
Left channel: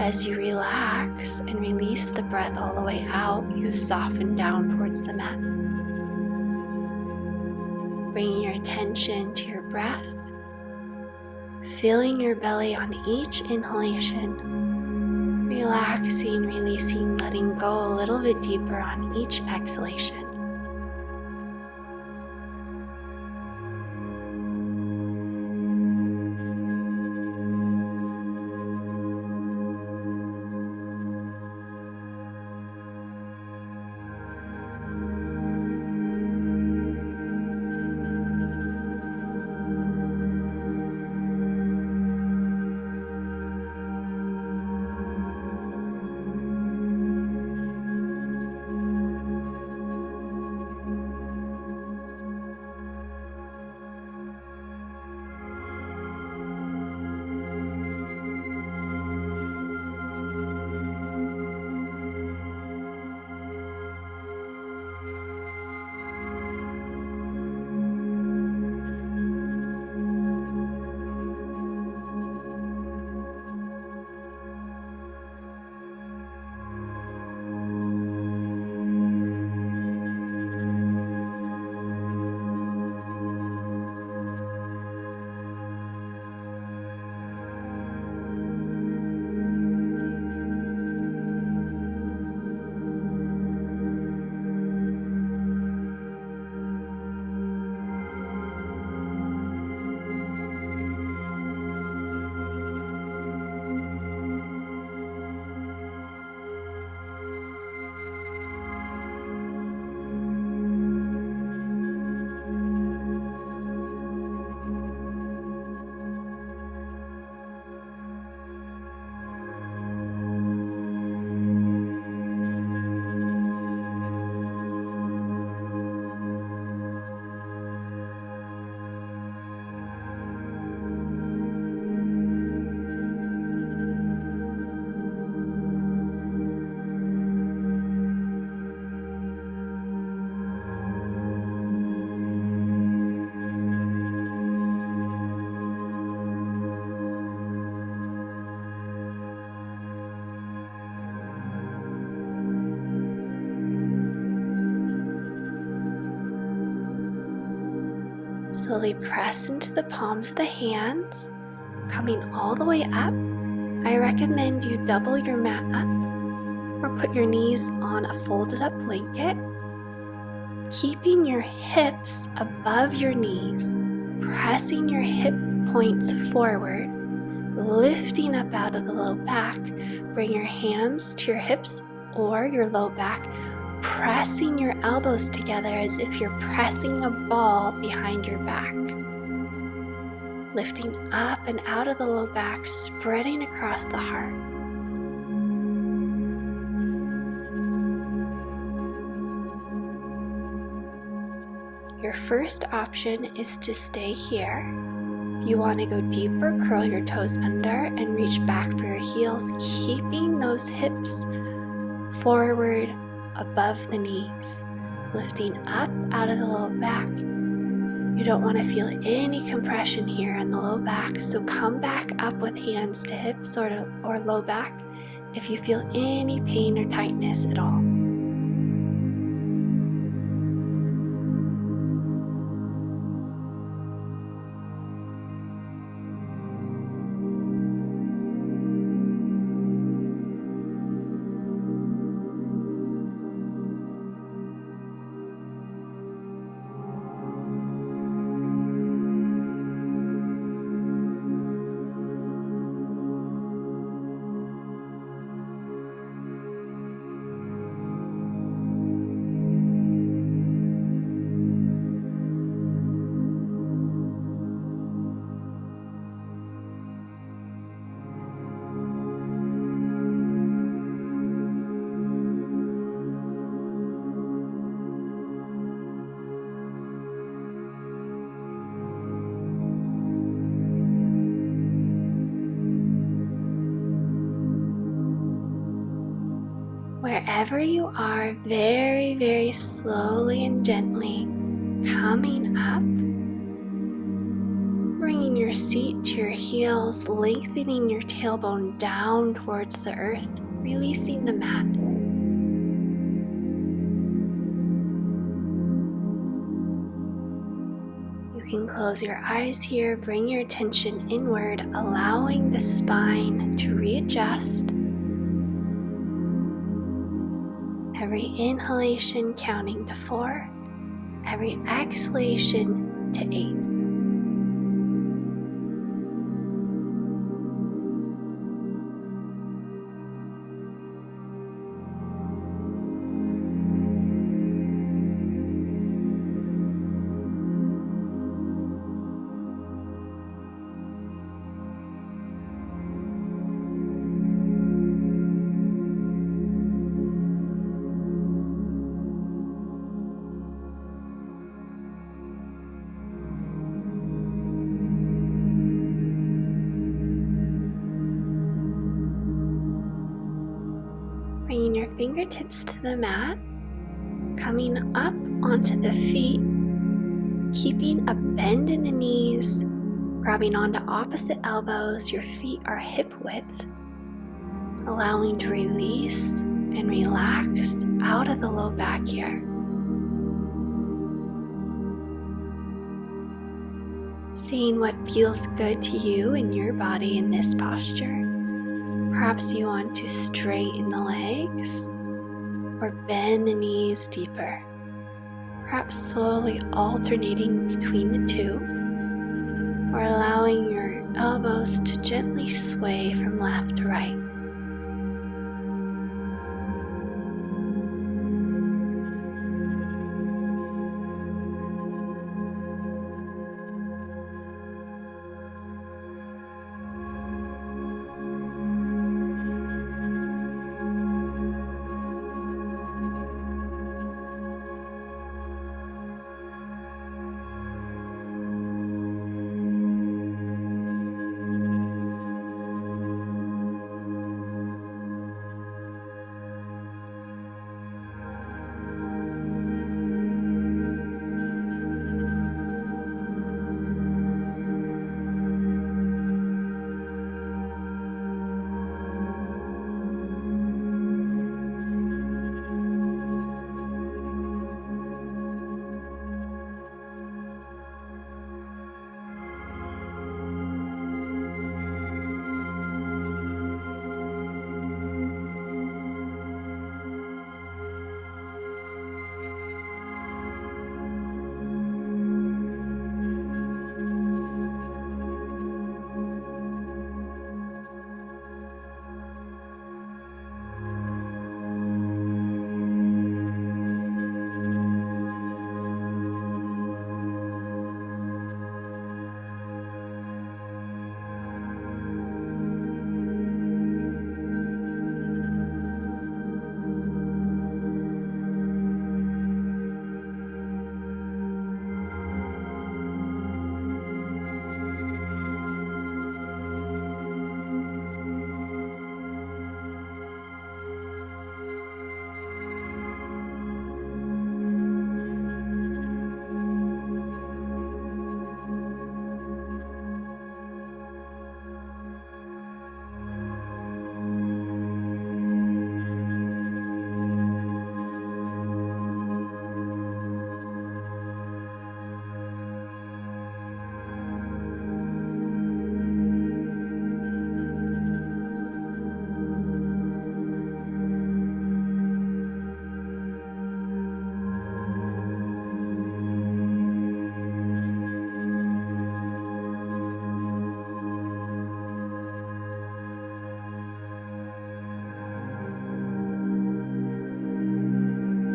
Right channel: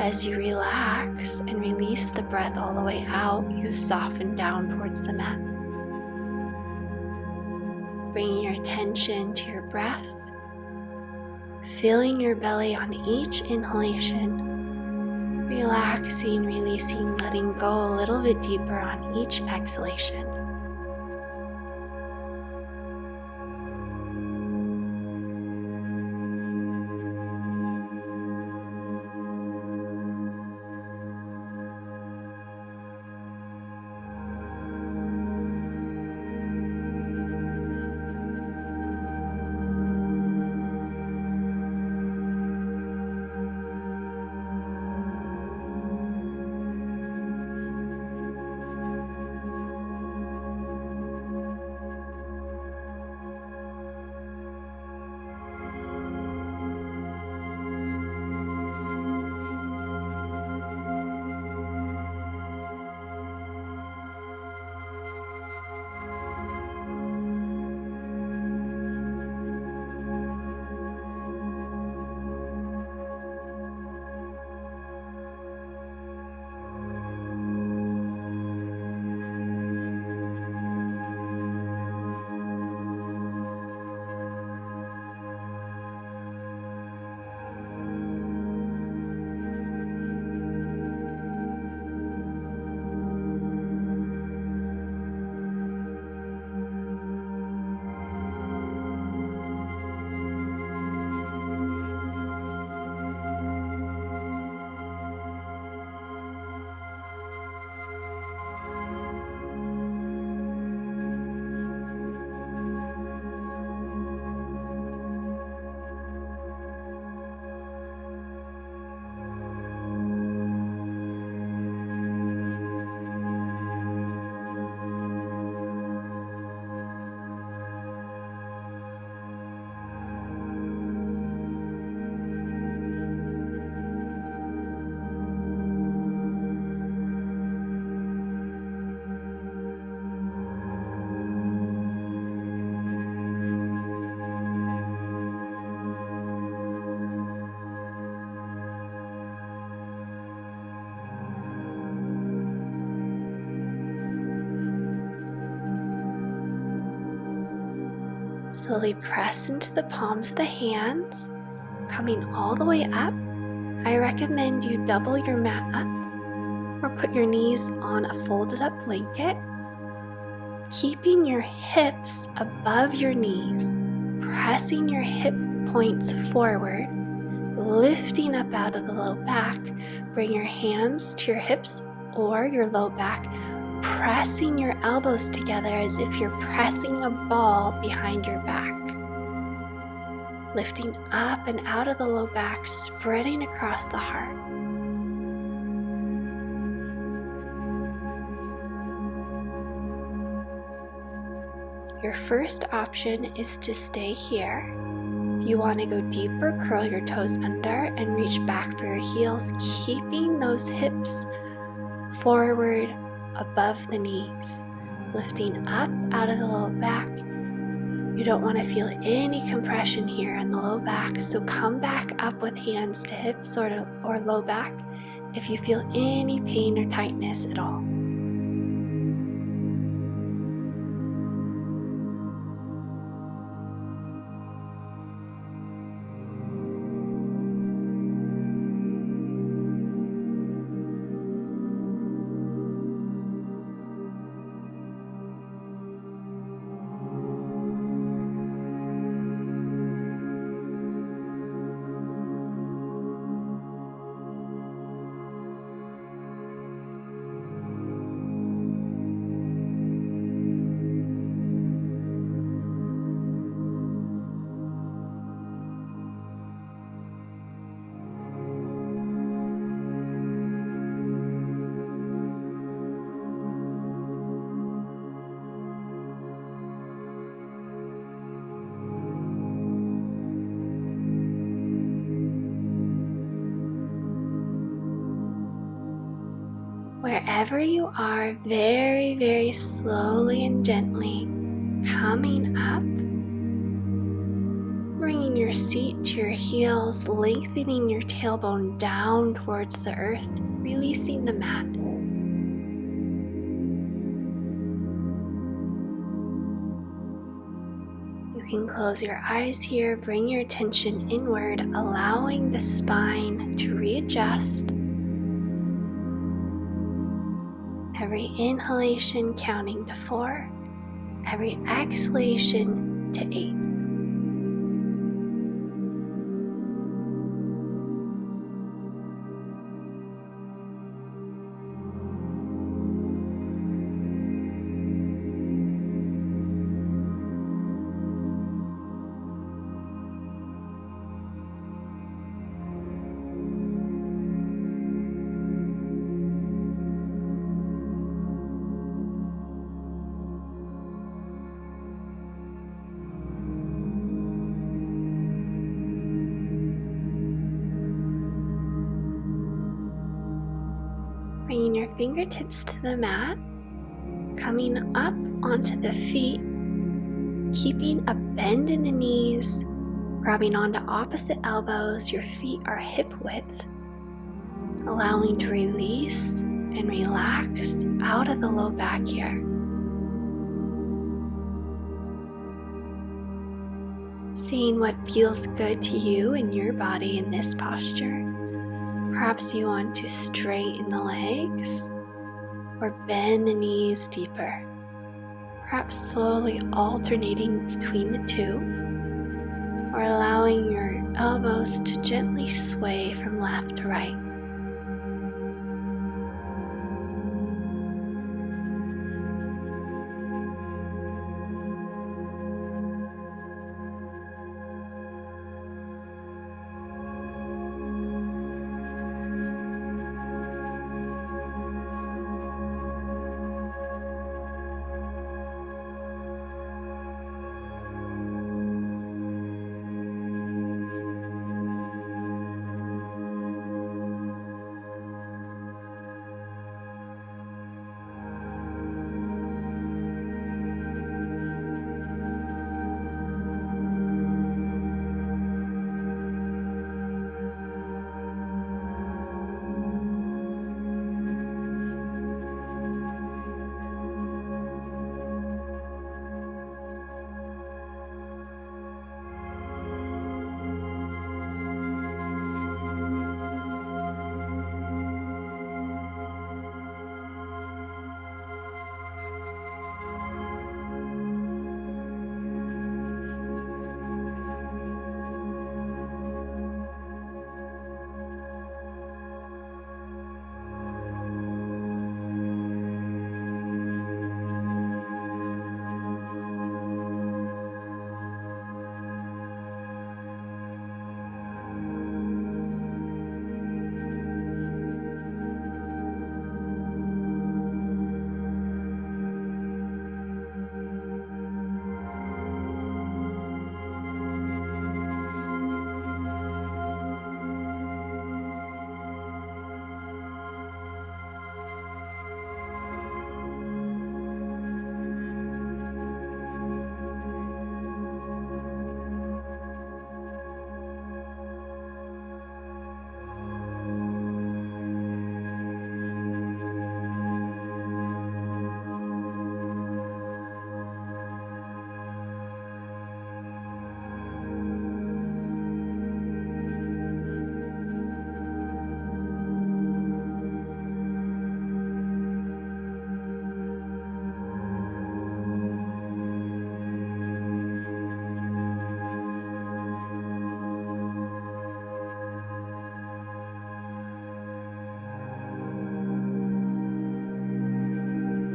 As you relax and release the breath all the way out, you soften down towards the mat. Bringing your attention to your breath, filling your belly on each inhalation, relaxing, releasing, letting go a little bit deeper on each exhalation. Slowly press into the palms of the hands, coming all the way up. I recommend you double your mat up or put your knees on a folded up blanket, keeping your hips above your knees, pressing your hip points forward, lifting up out of the low back. Bring your hands to your hips or your low back, pressing your elbows together as if you're pressing a ball behind your back. Lifting up and out of the low back, spreading across the heart. Your first option is to stay here. If you want to go deeper, curl your toes under and reach back for your heels, keeping those hips forward above the knees, lifting up out of the low back. You don't want to feel any compression here in the low back, so come back up with hands to hips or low back if you feel any pain or tightness at all. Wherever you are, very, very slowly and gently coming up, bringing your seat to your heels, lengthening your tailbone down towards the earth, releasing the mat. You can close your eyes here, bring your attention inward, allowing the spine to readjust. Every inhalation counting to 4, every exhalation to 8. Bringing your fingertips to the mat, coming up onto the feet, keeping a bend in the knees, grabbing onto opposite elbows, your feet are hip width, allowing to release and relax out of the low back here. Seeing what feels good to you in your body in this posture. Perhaps you want to straighten the legs or bend the knees deeper. Perhaps slowly alternating between the two, or allowing your elbows to gently sway from left to right.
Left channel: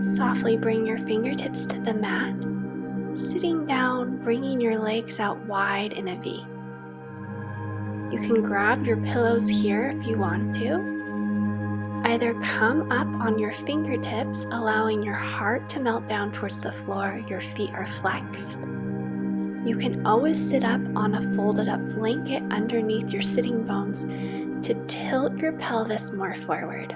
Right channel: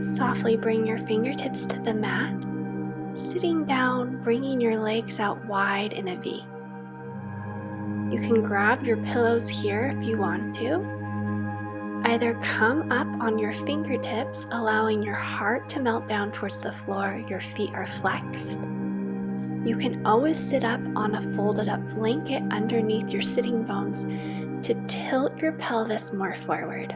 Softly bring your fingertips to the mat, sitting down, bringing your legs out wide in a V. You can grab your pillows here if you want to. Either come up on your fingertips, allowing your heart to melt down towards the floor, your feet are flexed. You can always sit up on a folded up blanket underneath your sitting bones to tilt your pelvis more forward.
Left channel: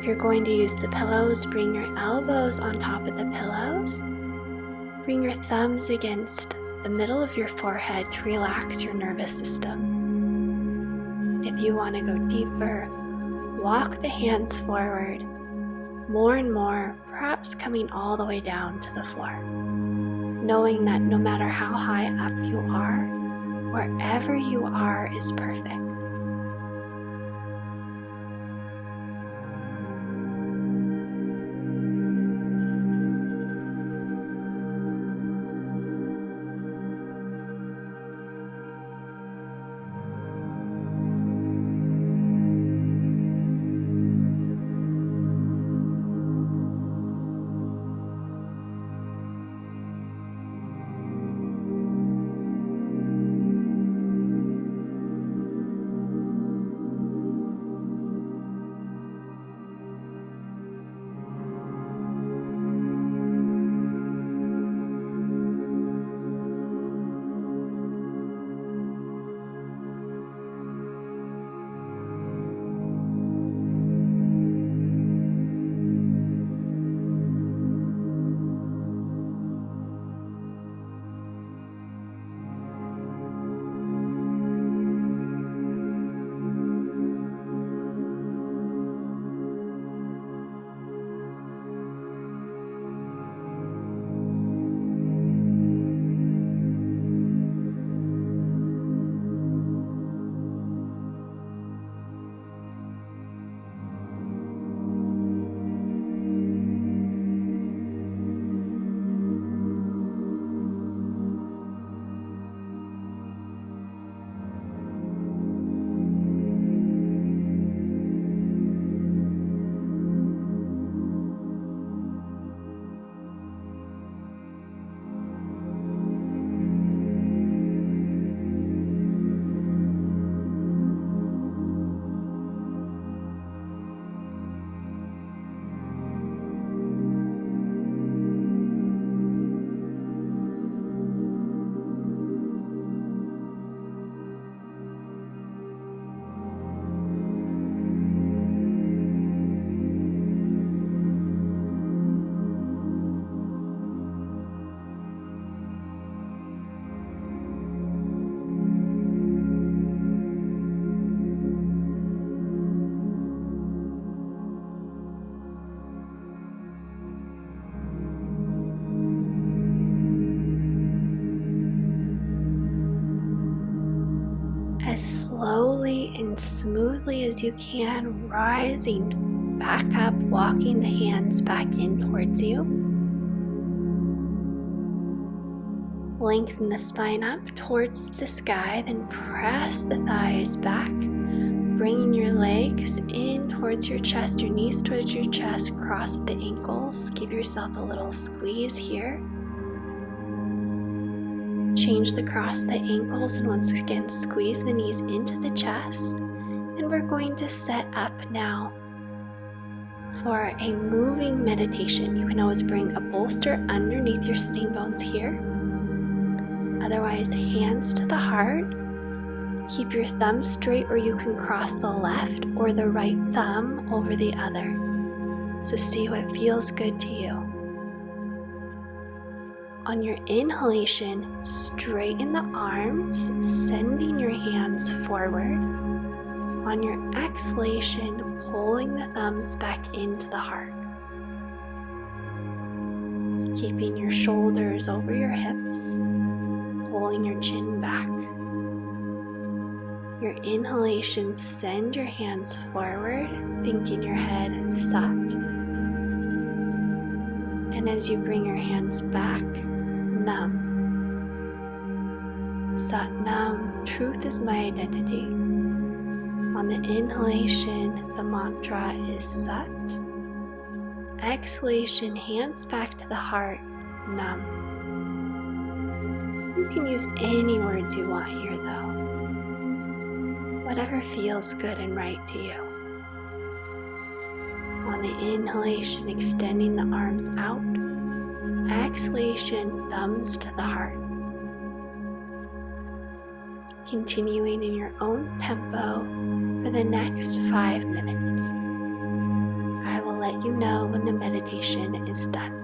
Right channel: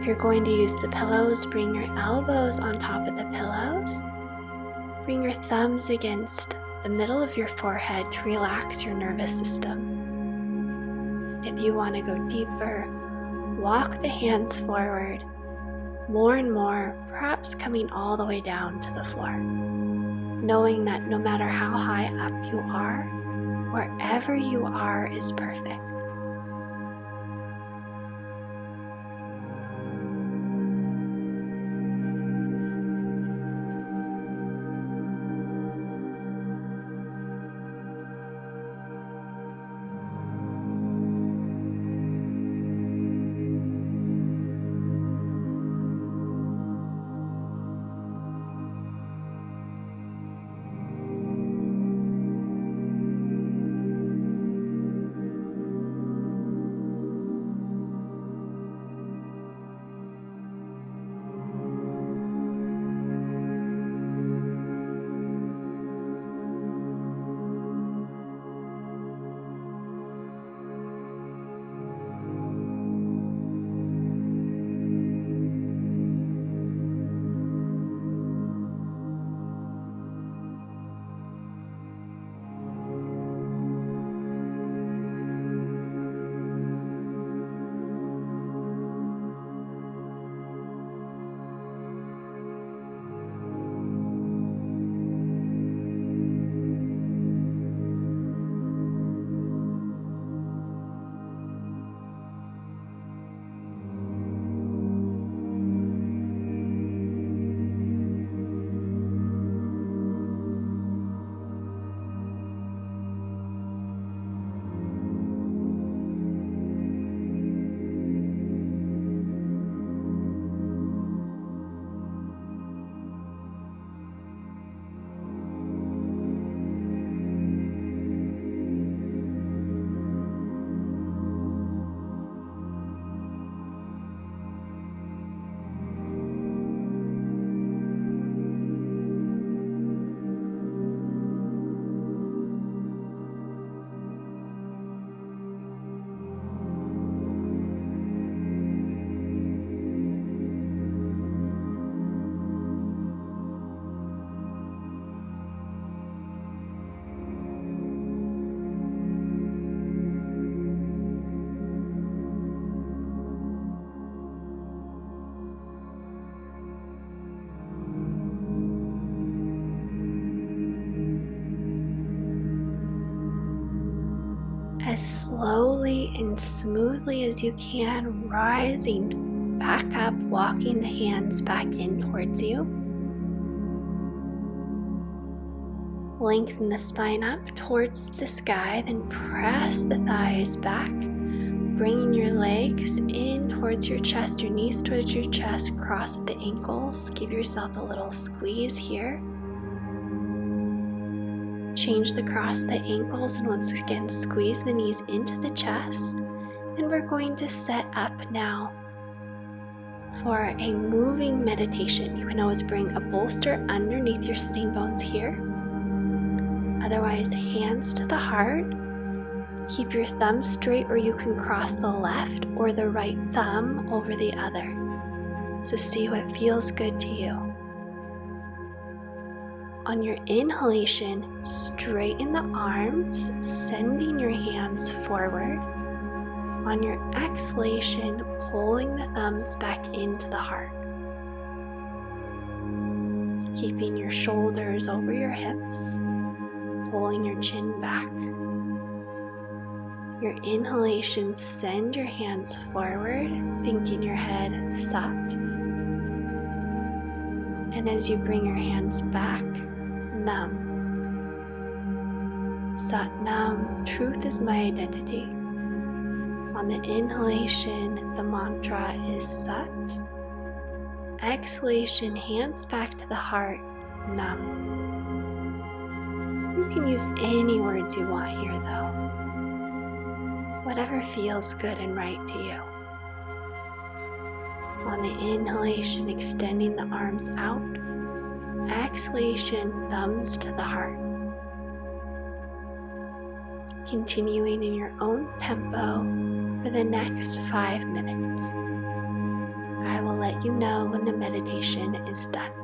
If you're going to use the pillows, bring your elbows on top of the pillows. Bring your thumbs against the middle of your forehead to relax your nervous system. If you want to go deeper, walk the hands forward more and more, perhaps coming all the way down to the floor, knowing that no matter how high up you are, wherever you are is perfect. As slowly and smoothly as you can, rising back up, walking the hands back in towards you. Lengthen the spine up towards the sky, then press the thighs back, bringing your legs in towards your chest, your knees towards your chest, cross at the ankles. Give yourself a little squeeze here. Change the cross the ankles and once again squeeze the knees into the chest. And we're going to set up now for a moving meditation. You can always bring a bolster underneath your sitting bones here. Otherwise, hands to the heart. Keep your thumb straight, or you can cross the left or the right thumb over the other. So see what feels good to you. On your inhalation, straighten the arms, sending your hands forward. On your exhalation, pulling the thumbs back into the heart. Keeping your shoulders over your hips, pulling your chin back. Your inhalation, send your hands forward, thinking your head sat. And as you bring your hands back, Nam. Sat Nam, truth is my identity. On the inhalation, the mantra is Sat. Exhalation, hands back to the heart, Nam. You can use any words you want here though. Whatever feels good and right to you. On the inhalation, extending the arms out. Exhalation, thumbs to the heart. Continuing in your own tempo for the next 5 minutes. I let you know when the meditation is done.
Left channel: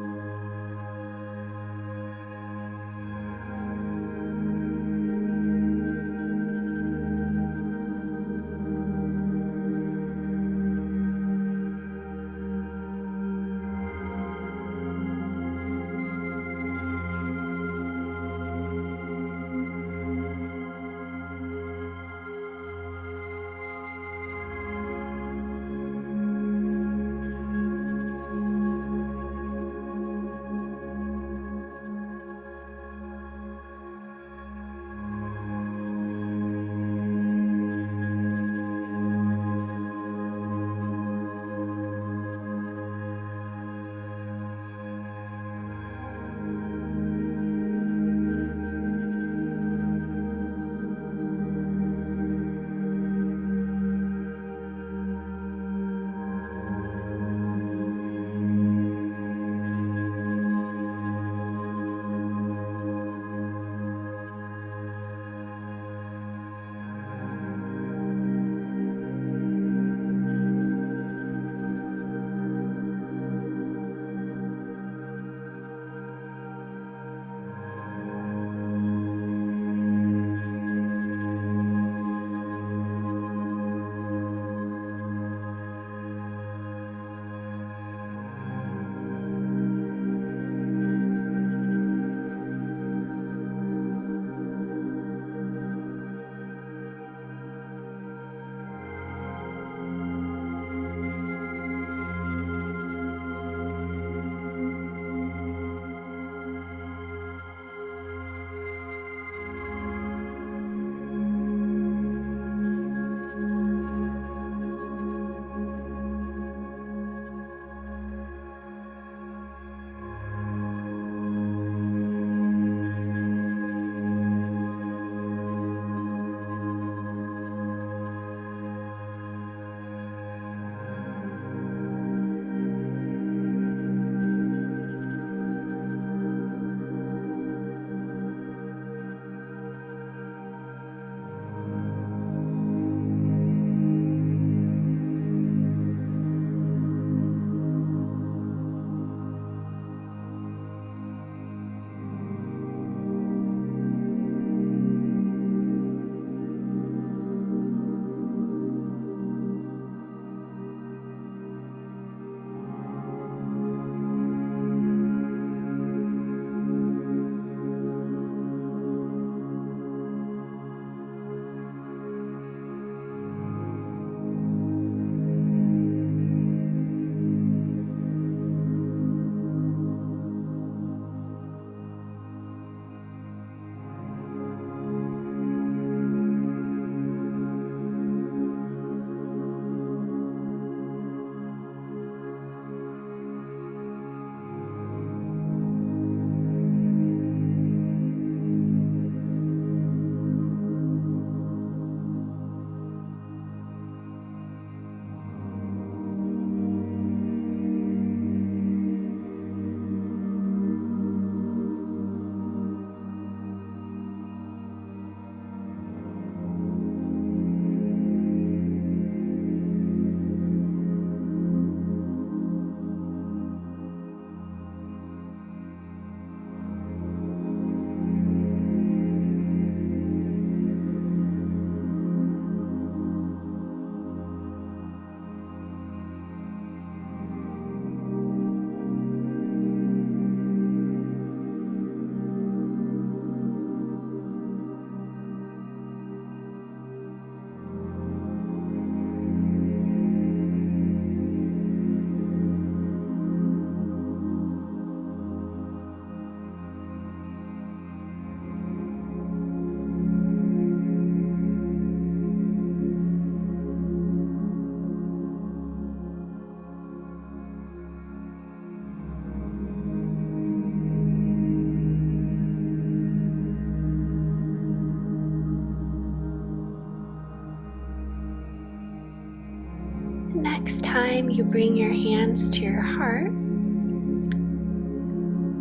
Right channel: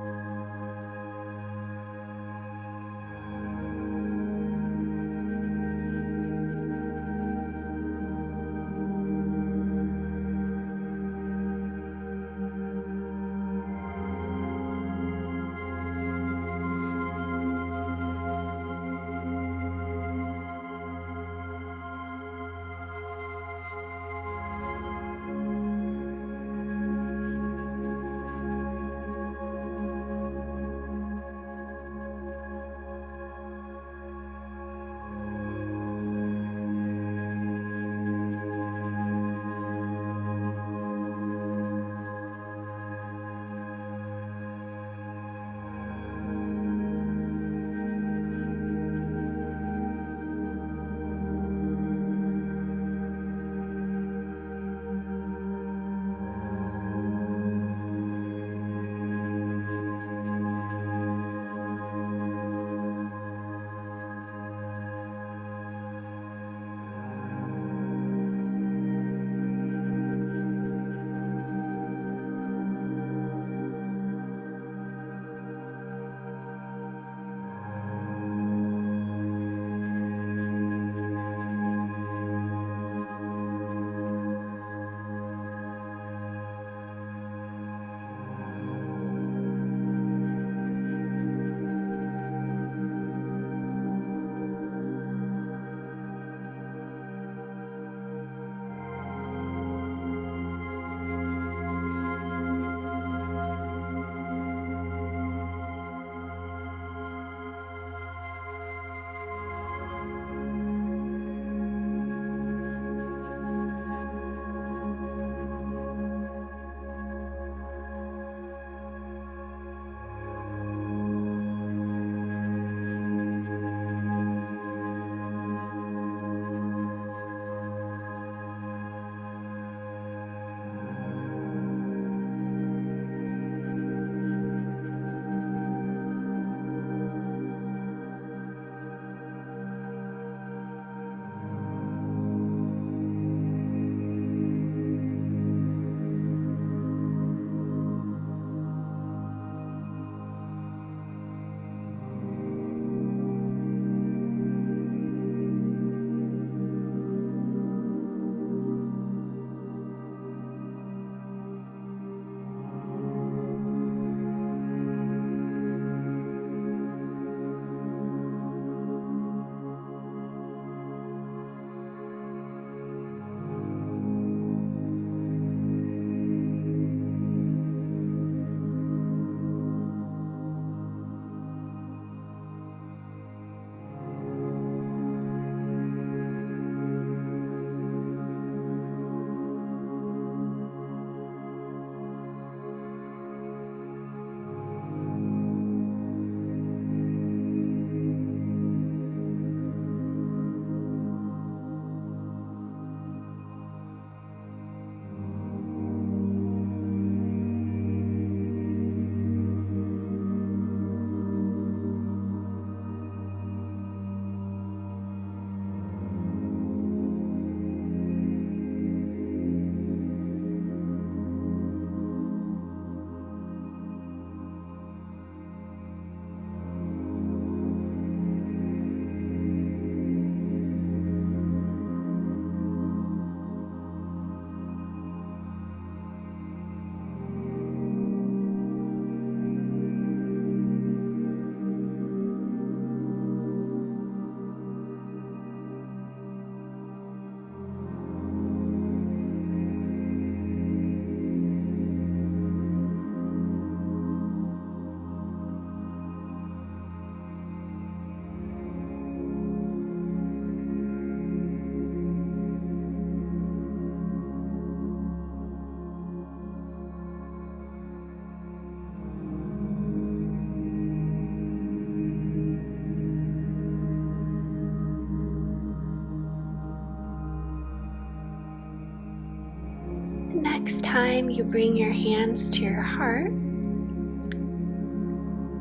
Next time you bring your hands to your heart,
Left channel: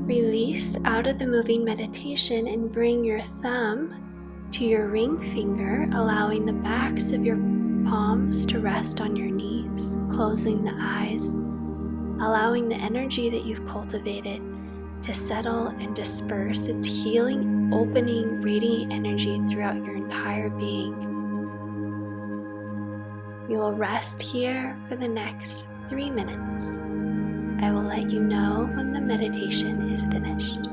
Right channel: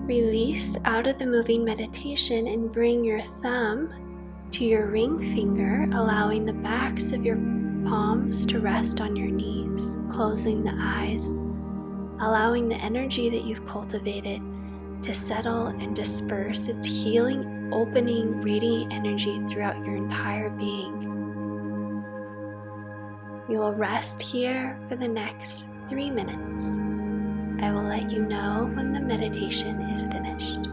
release out of the moving meditation and bring your thumb to your ring finger, allowing the backs of your palms to rest on your knees, closing the eyes. allowing the energy that you've cultivated to settle and disperse its healing, opening, radiant energy throughout your entire being. You will rest here for the next 3 minutes. I will let you know when the meditation is finished.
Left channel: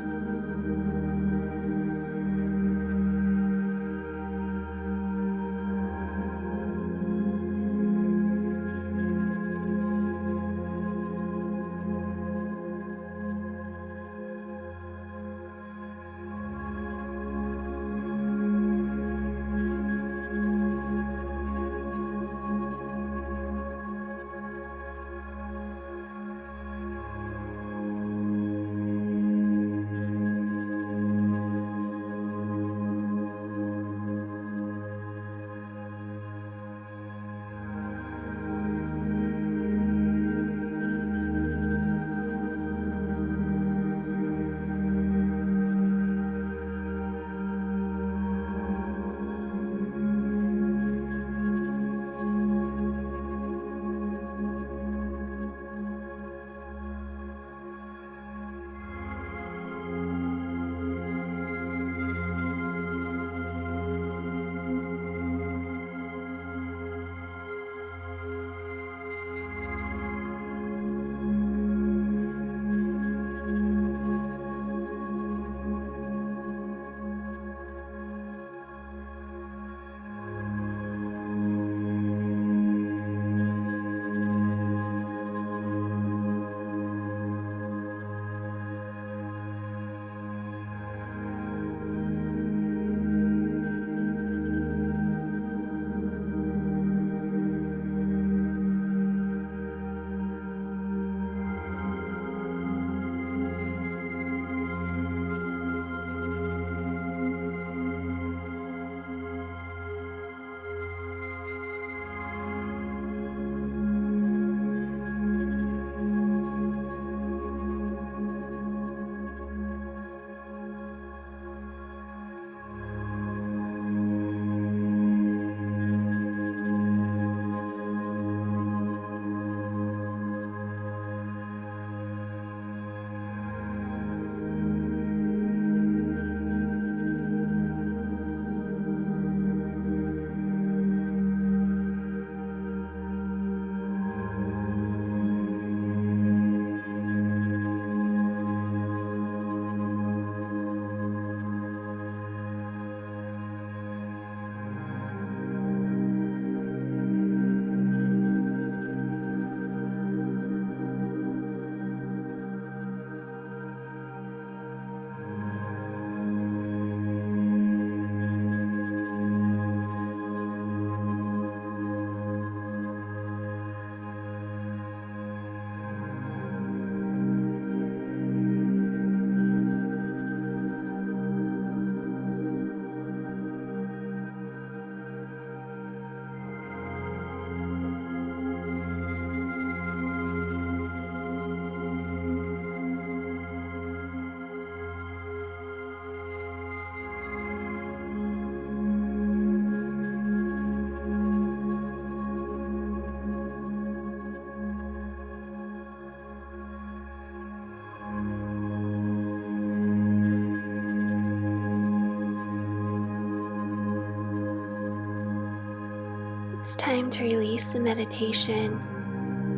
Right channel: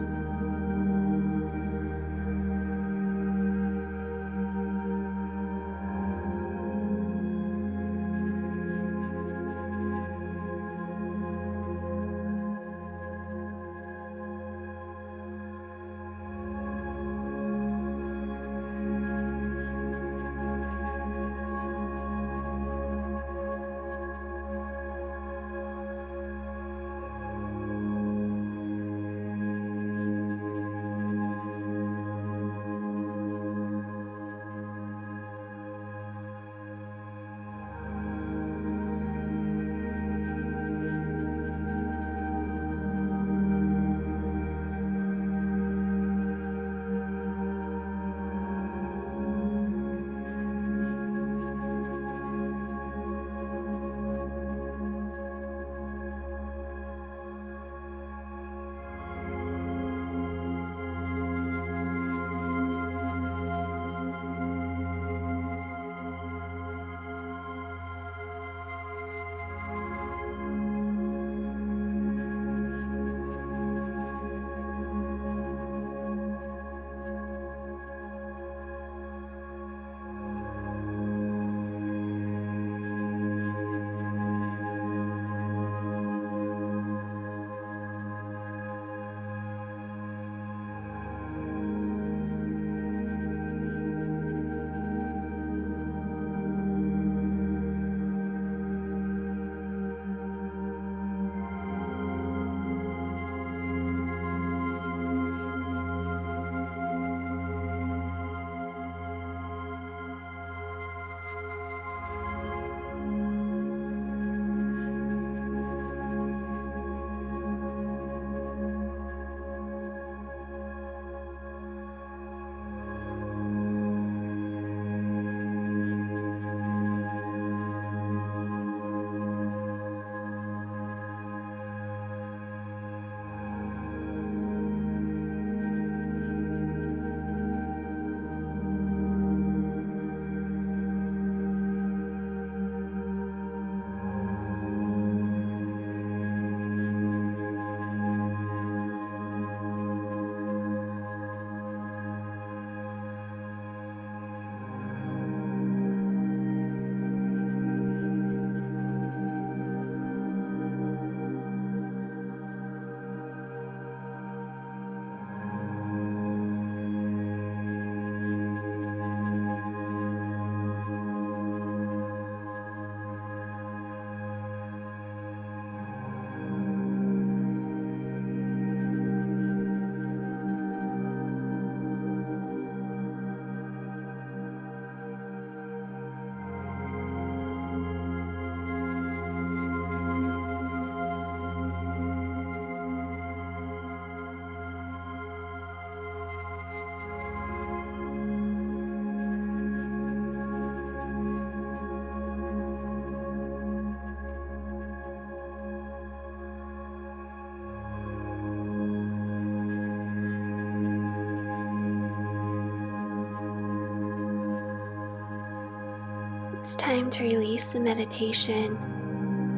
It's time to release the meditation.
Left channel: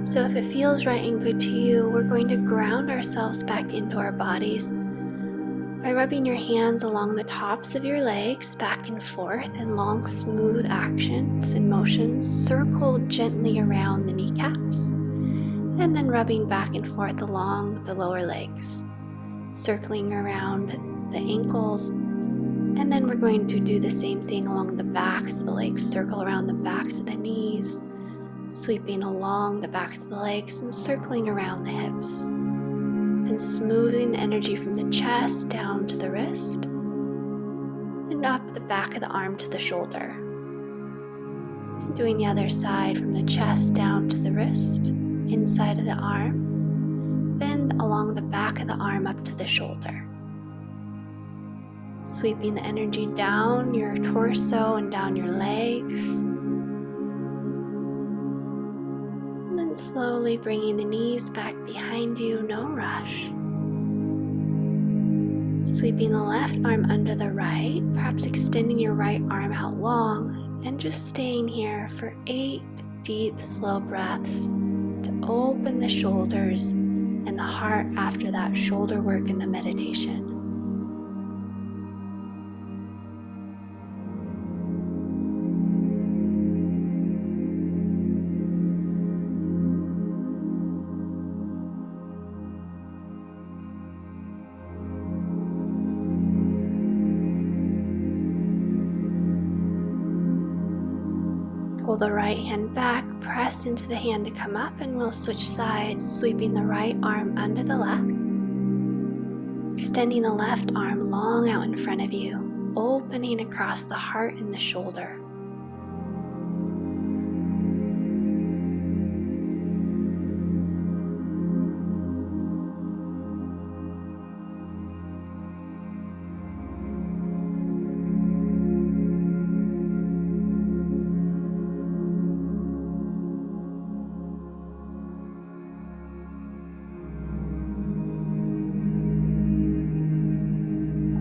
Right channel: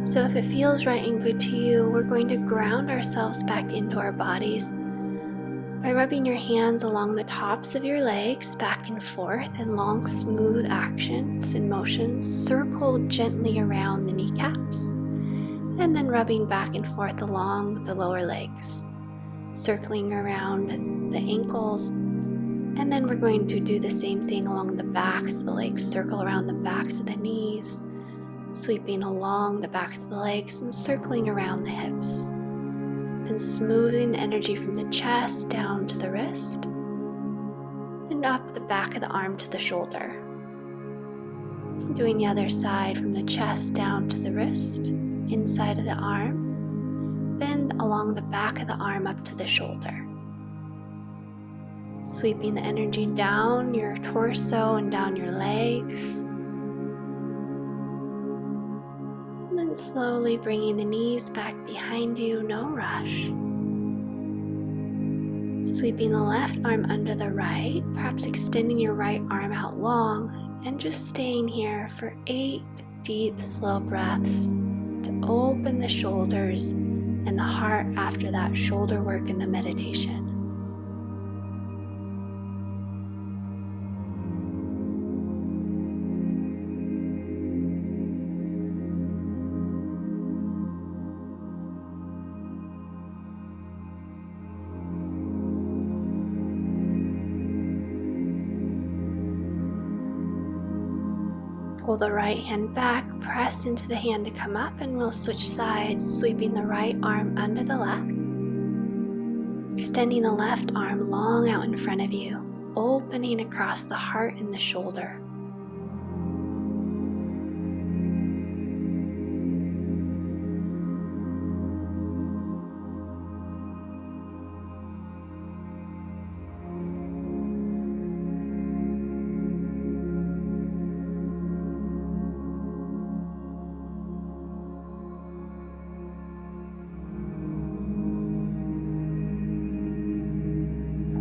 So if it feels right and good to you, we're going to ground ourselves back into our bodies by rubbing your hands along the tops of your legs back and forth in long, smooth actions and motions. Circle gently around the kneecaps and then rubbing back and forth along the lower legs, circling around the ankles. And then we're going to do the same thing along the backs of the legs. Circle around the backs of the knees, sweeping along the backs of the legs and circling around the hips. Then smoothing the energy from the chest down to the wrist and up the back of the arm to the shoulder. Doing the other side from the chest down to the wrist, inside of the arm, then along the back of the arm up to the shoulder. Sweeping the energy down your torso and down your legs. And then And slowly bringing the knees back behind you, no rush. Sweeping the left arm under the right, perhaps extending your right arm out long, and just staying here for 8 deep, slow breaths to open the shoulders and the heart after that shoulder work in the meditation. Pull the right hand back, press into the hand to come up, and we'll switch sides, sweeping the right arm under the left. Extending the left arm long out in front of you, opening across the heart and the shoulder.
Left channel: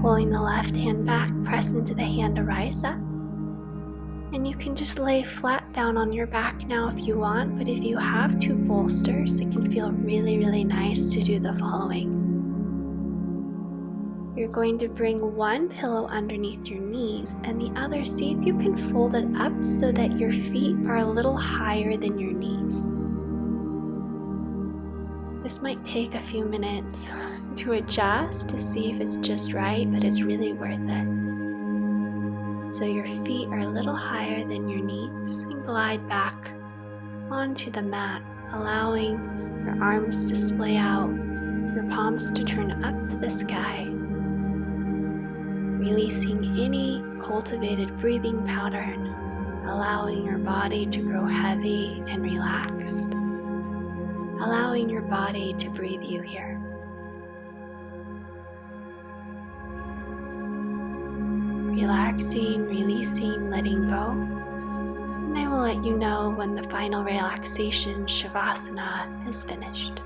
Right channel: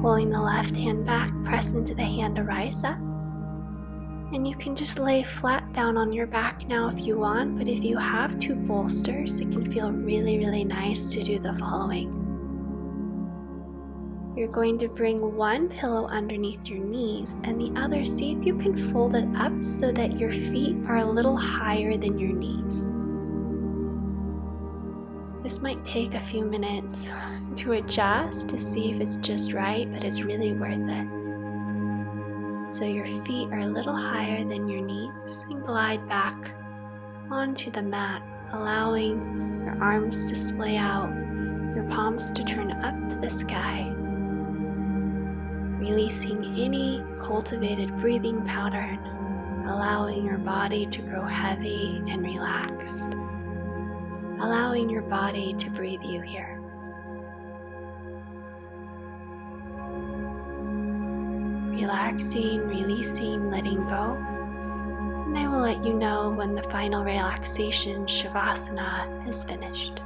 Pulling the left hand back, press into the hand to rise up. And you can just lay flat down on your back now if you want, but if you have 2 bolsters, it can feel really, really nice to do the following. You're going to bring one pillow underneath your knees and the other, see if you can fold it up so that your feet are a little higher than your knees. This might take a few minutes to adjust to see if it's just right, but it's really worth it. So your feet are a little higher than your knees and glide back onto the mat, allowing your arms to splay out, your palms to turn up to the sky, releasing any cultivated breathing pattern, allowing your body to grow heavy and relaxed. Allowing your body to breathe you here. Relaxing, releasing, letting go. And I will let you know when the final relaxation, Shavasana, is finished.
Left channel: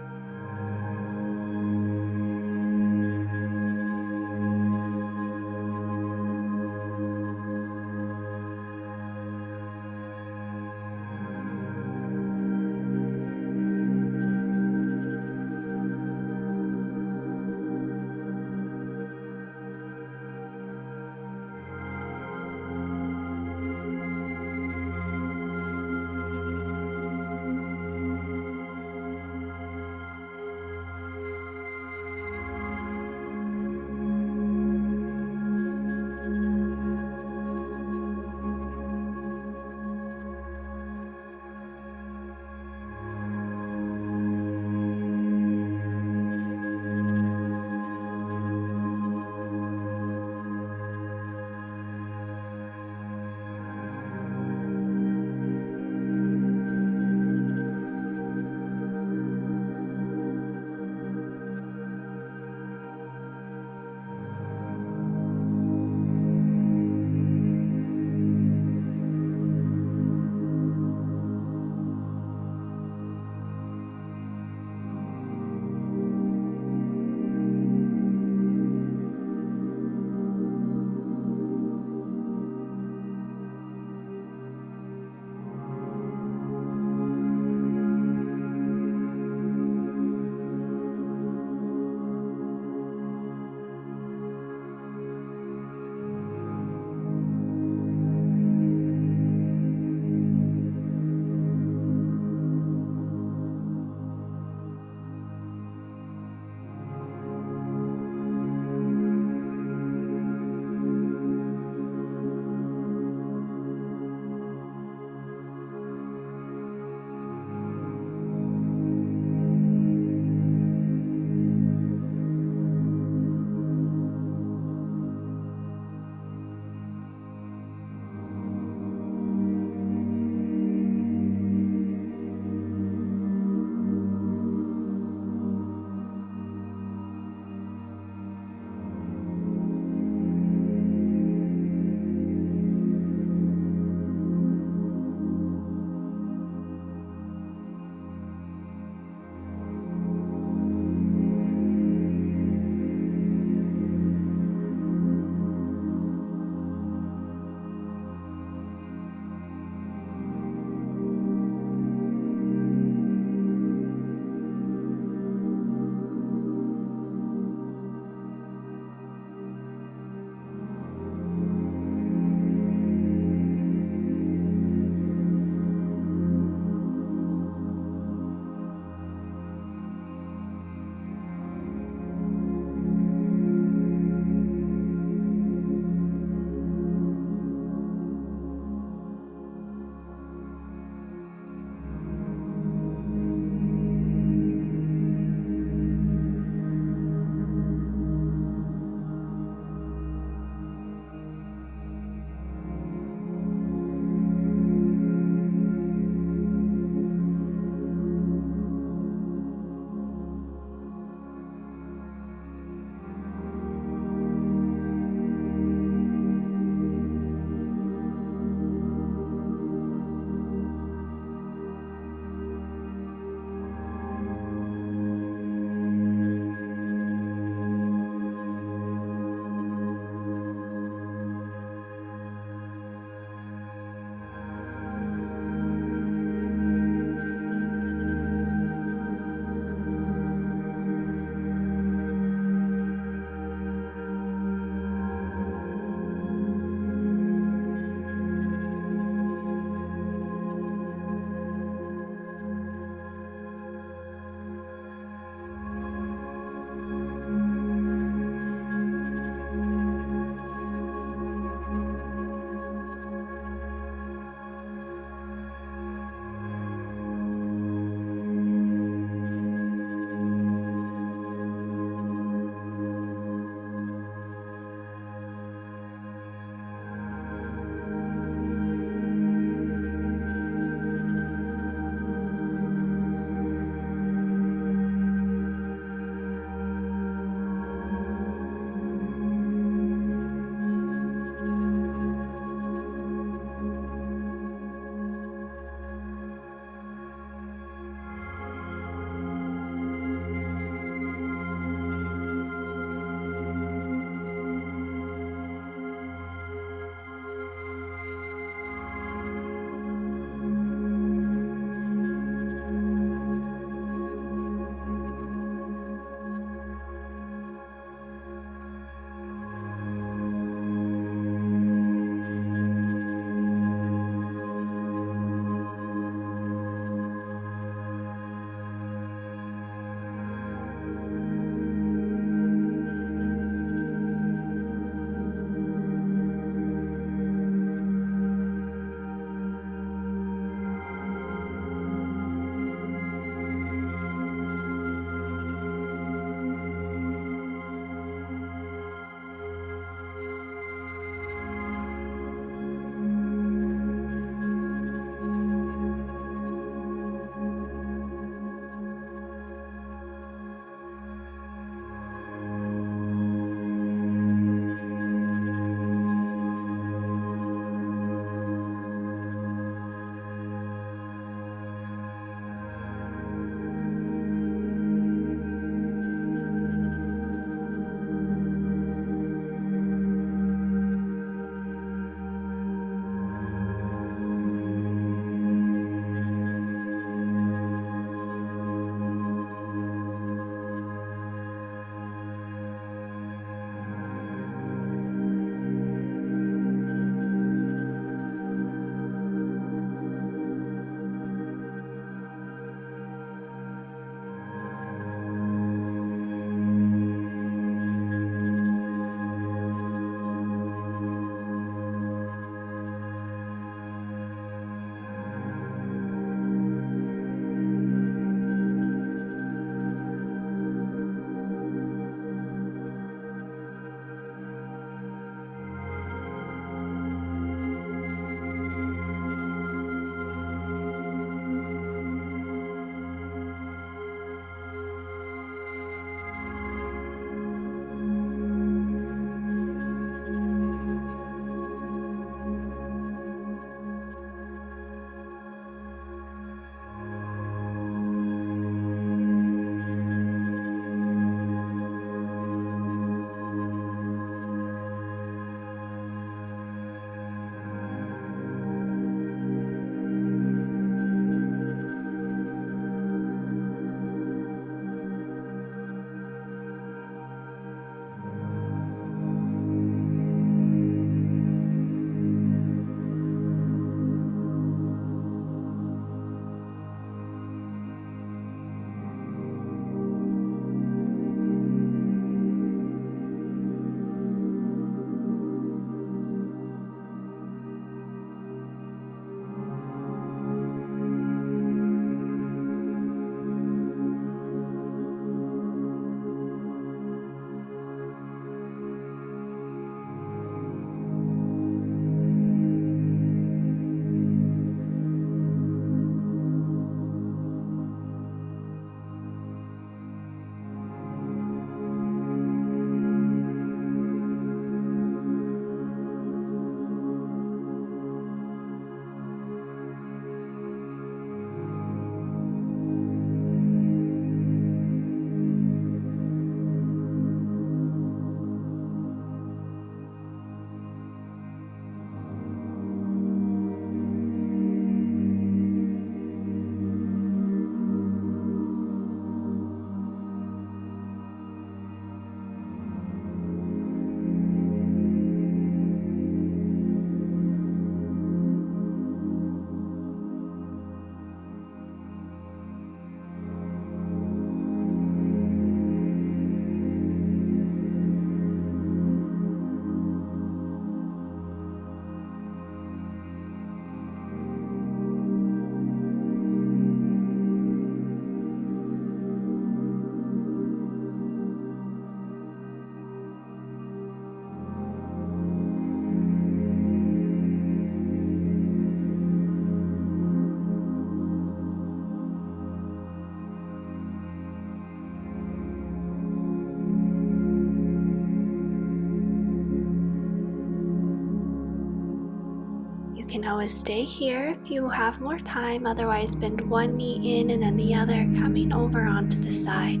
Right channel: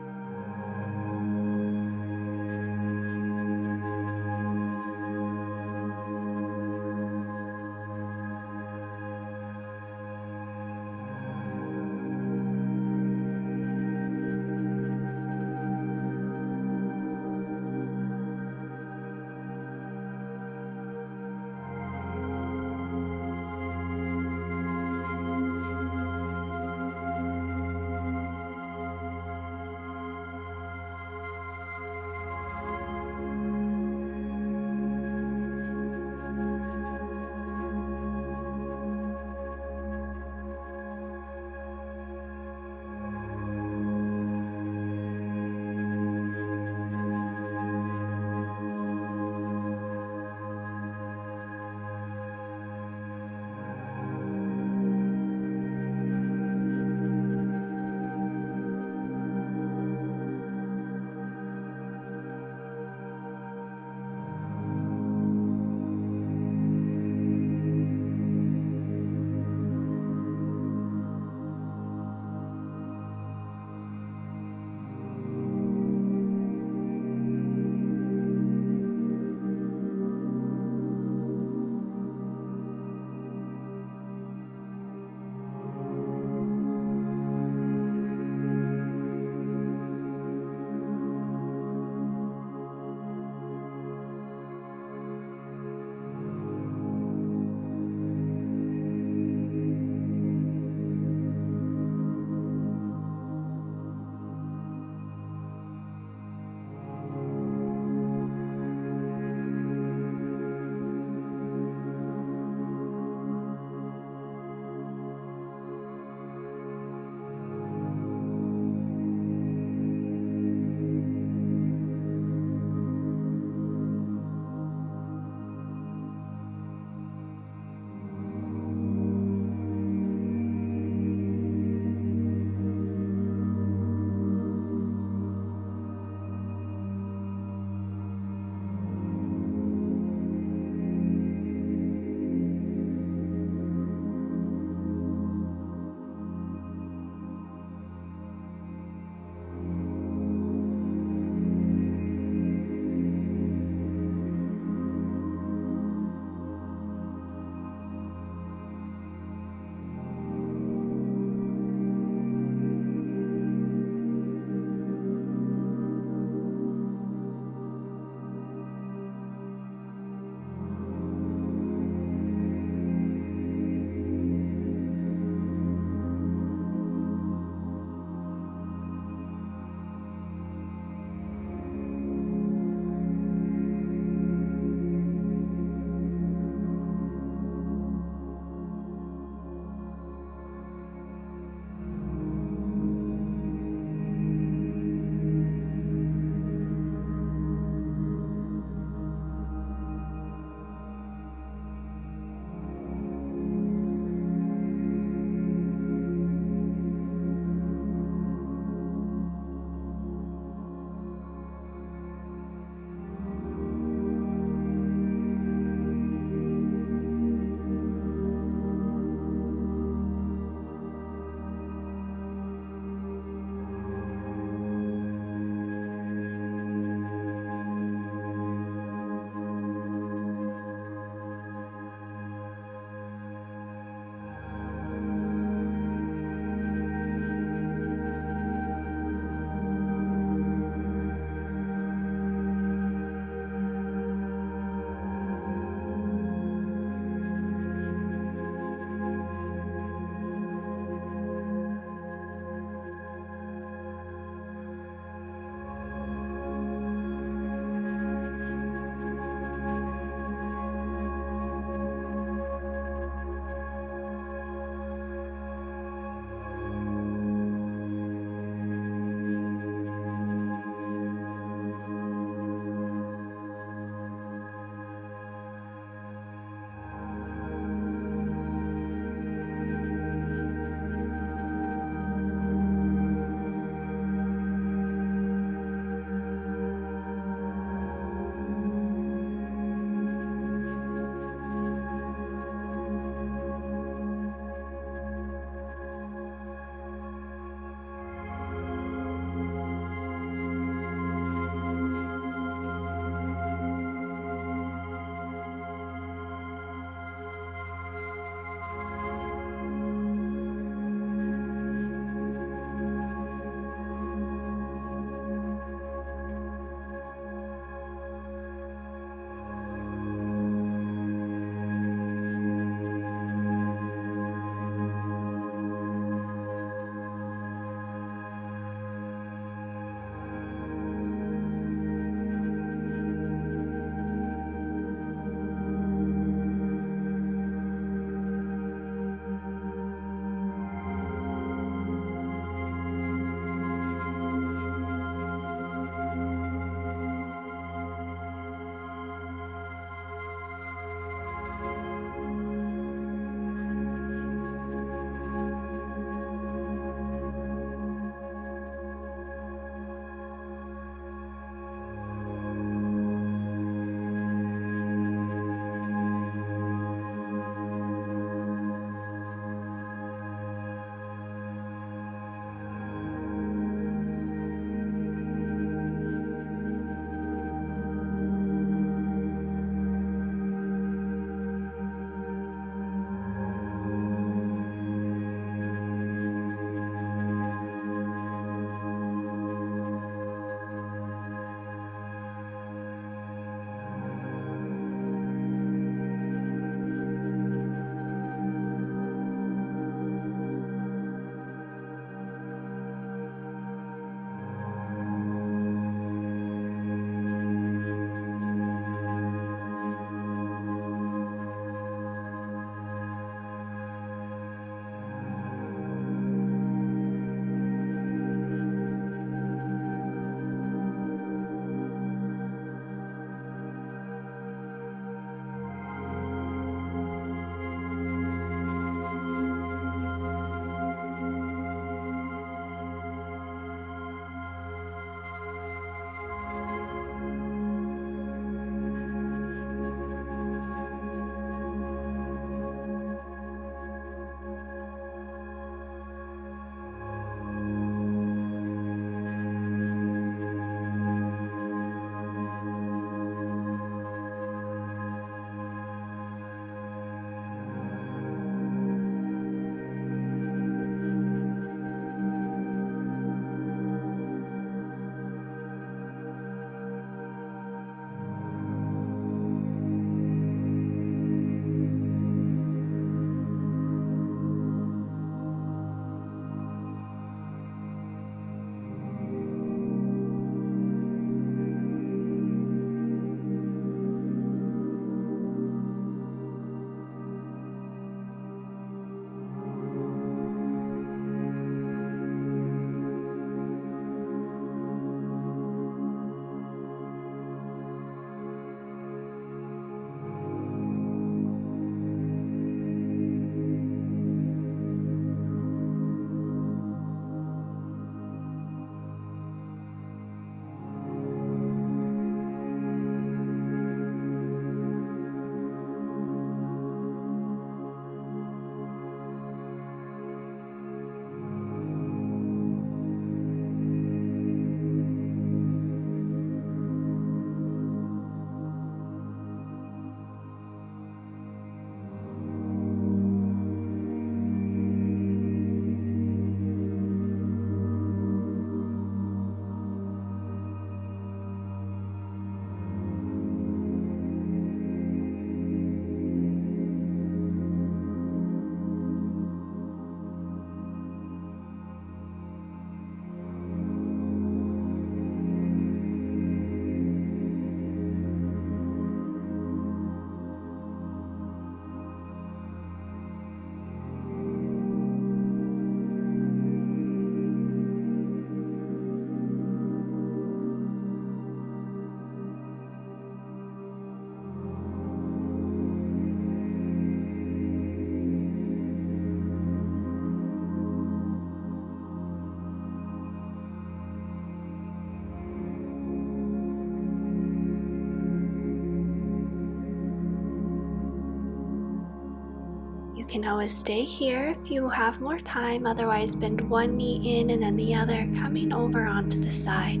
can always stay here if you have more time, otherwise bend one knee in and then the other, coming over onto the side.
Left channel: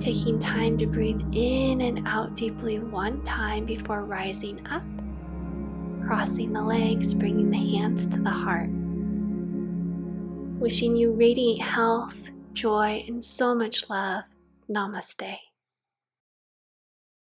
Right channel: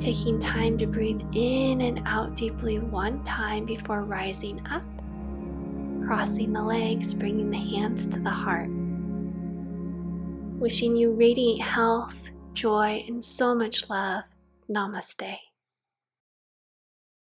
Taking time to breathe in and out deeply one time before rising up, crossing the legs, bringing the hands to the heart. Wishing you radiant health, joy, and so much love. Namaste.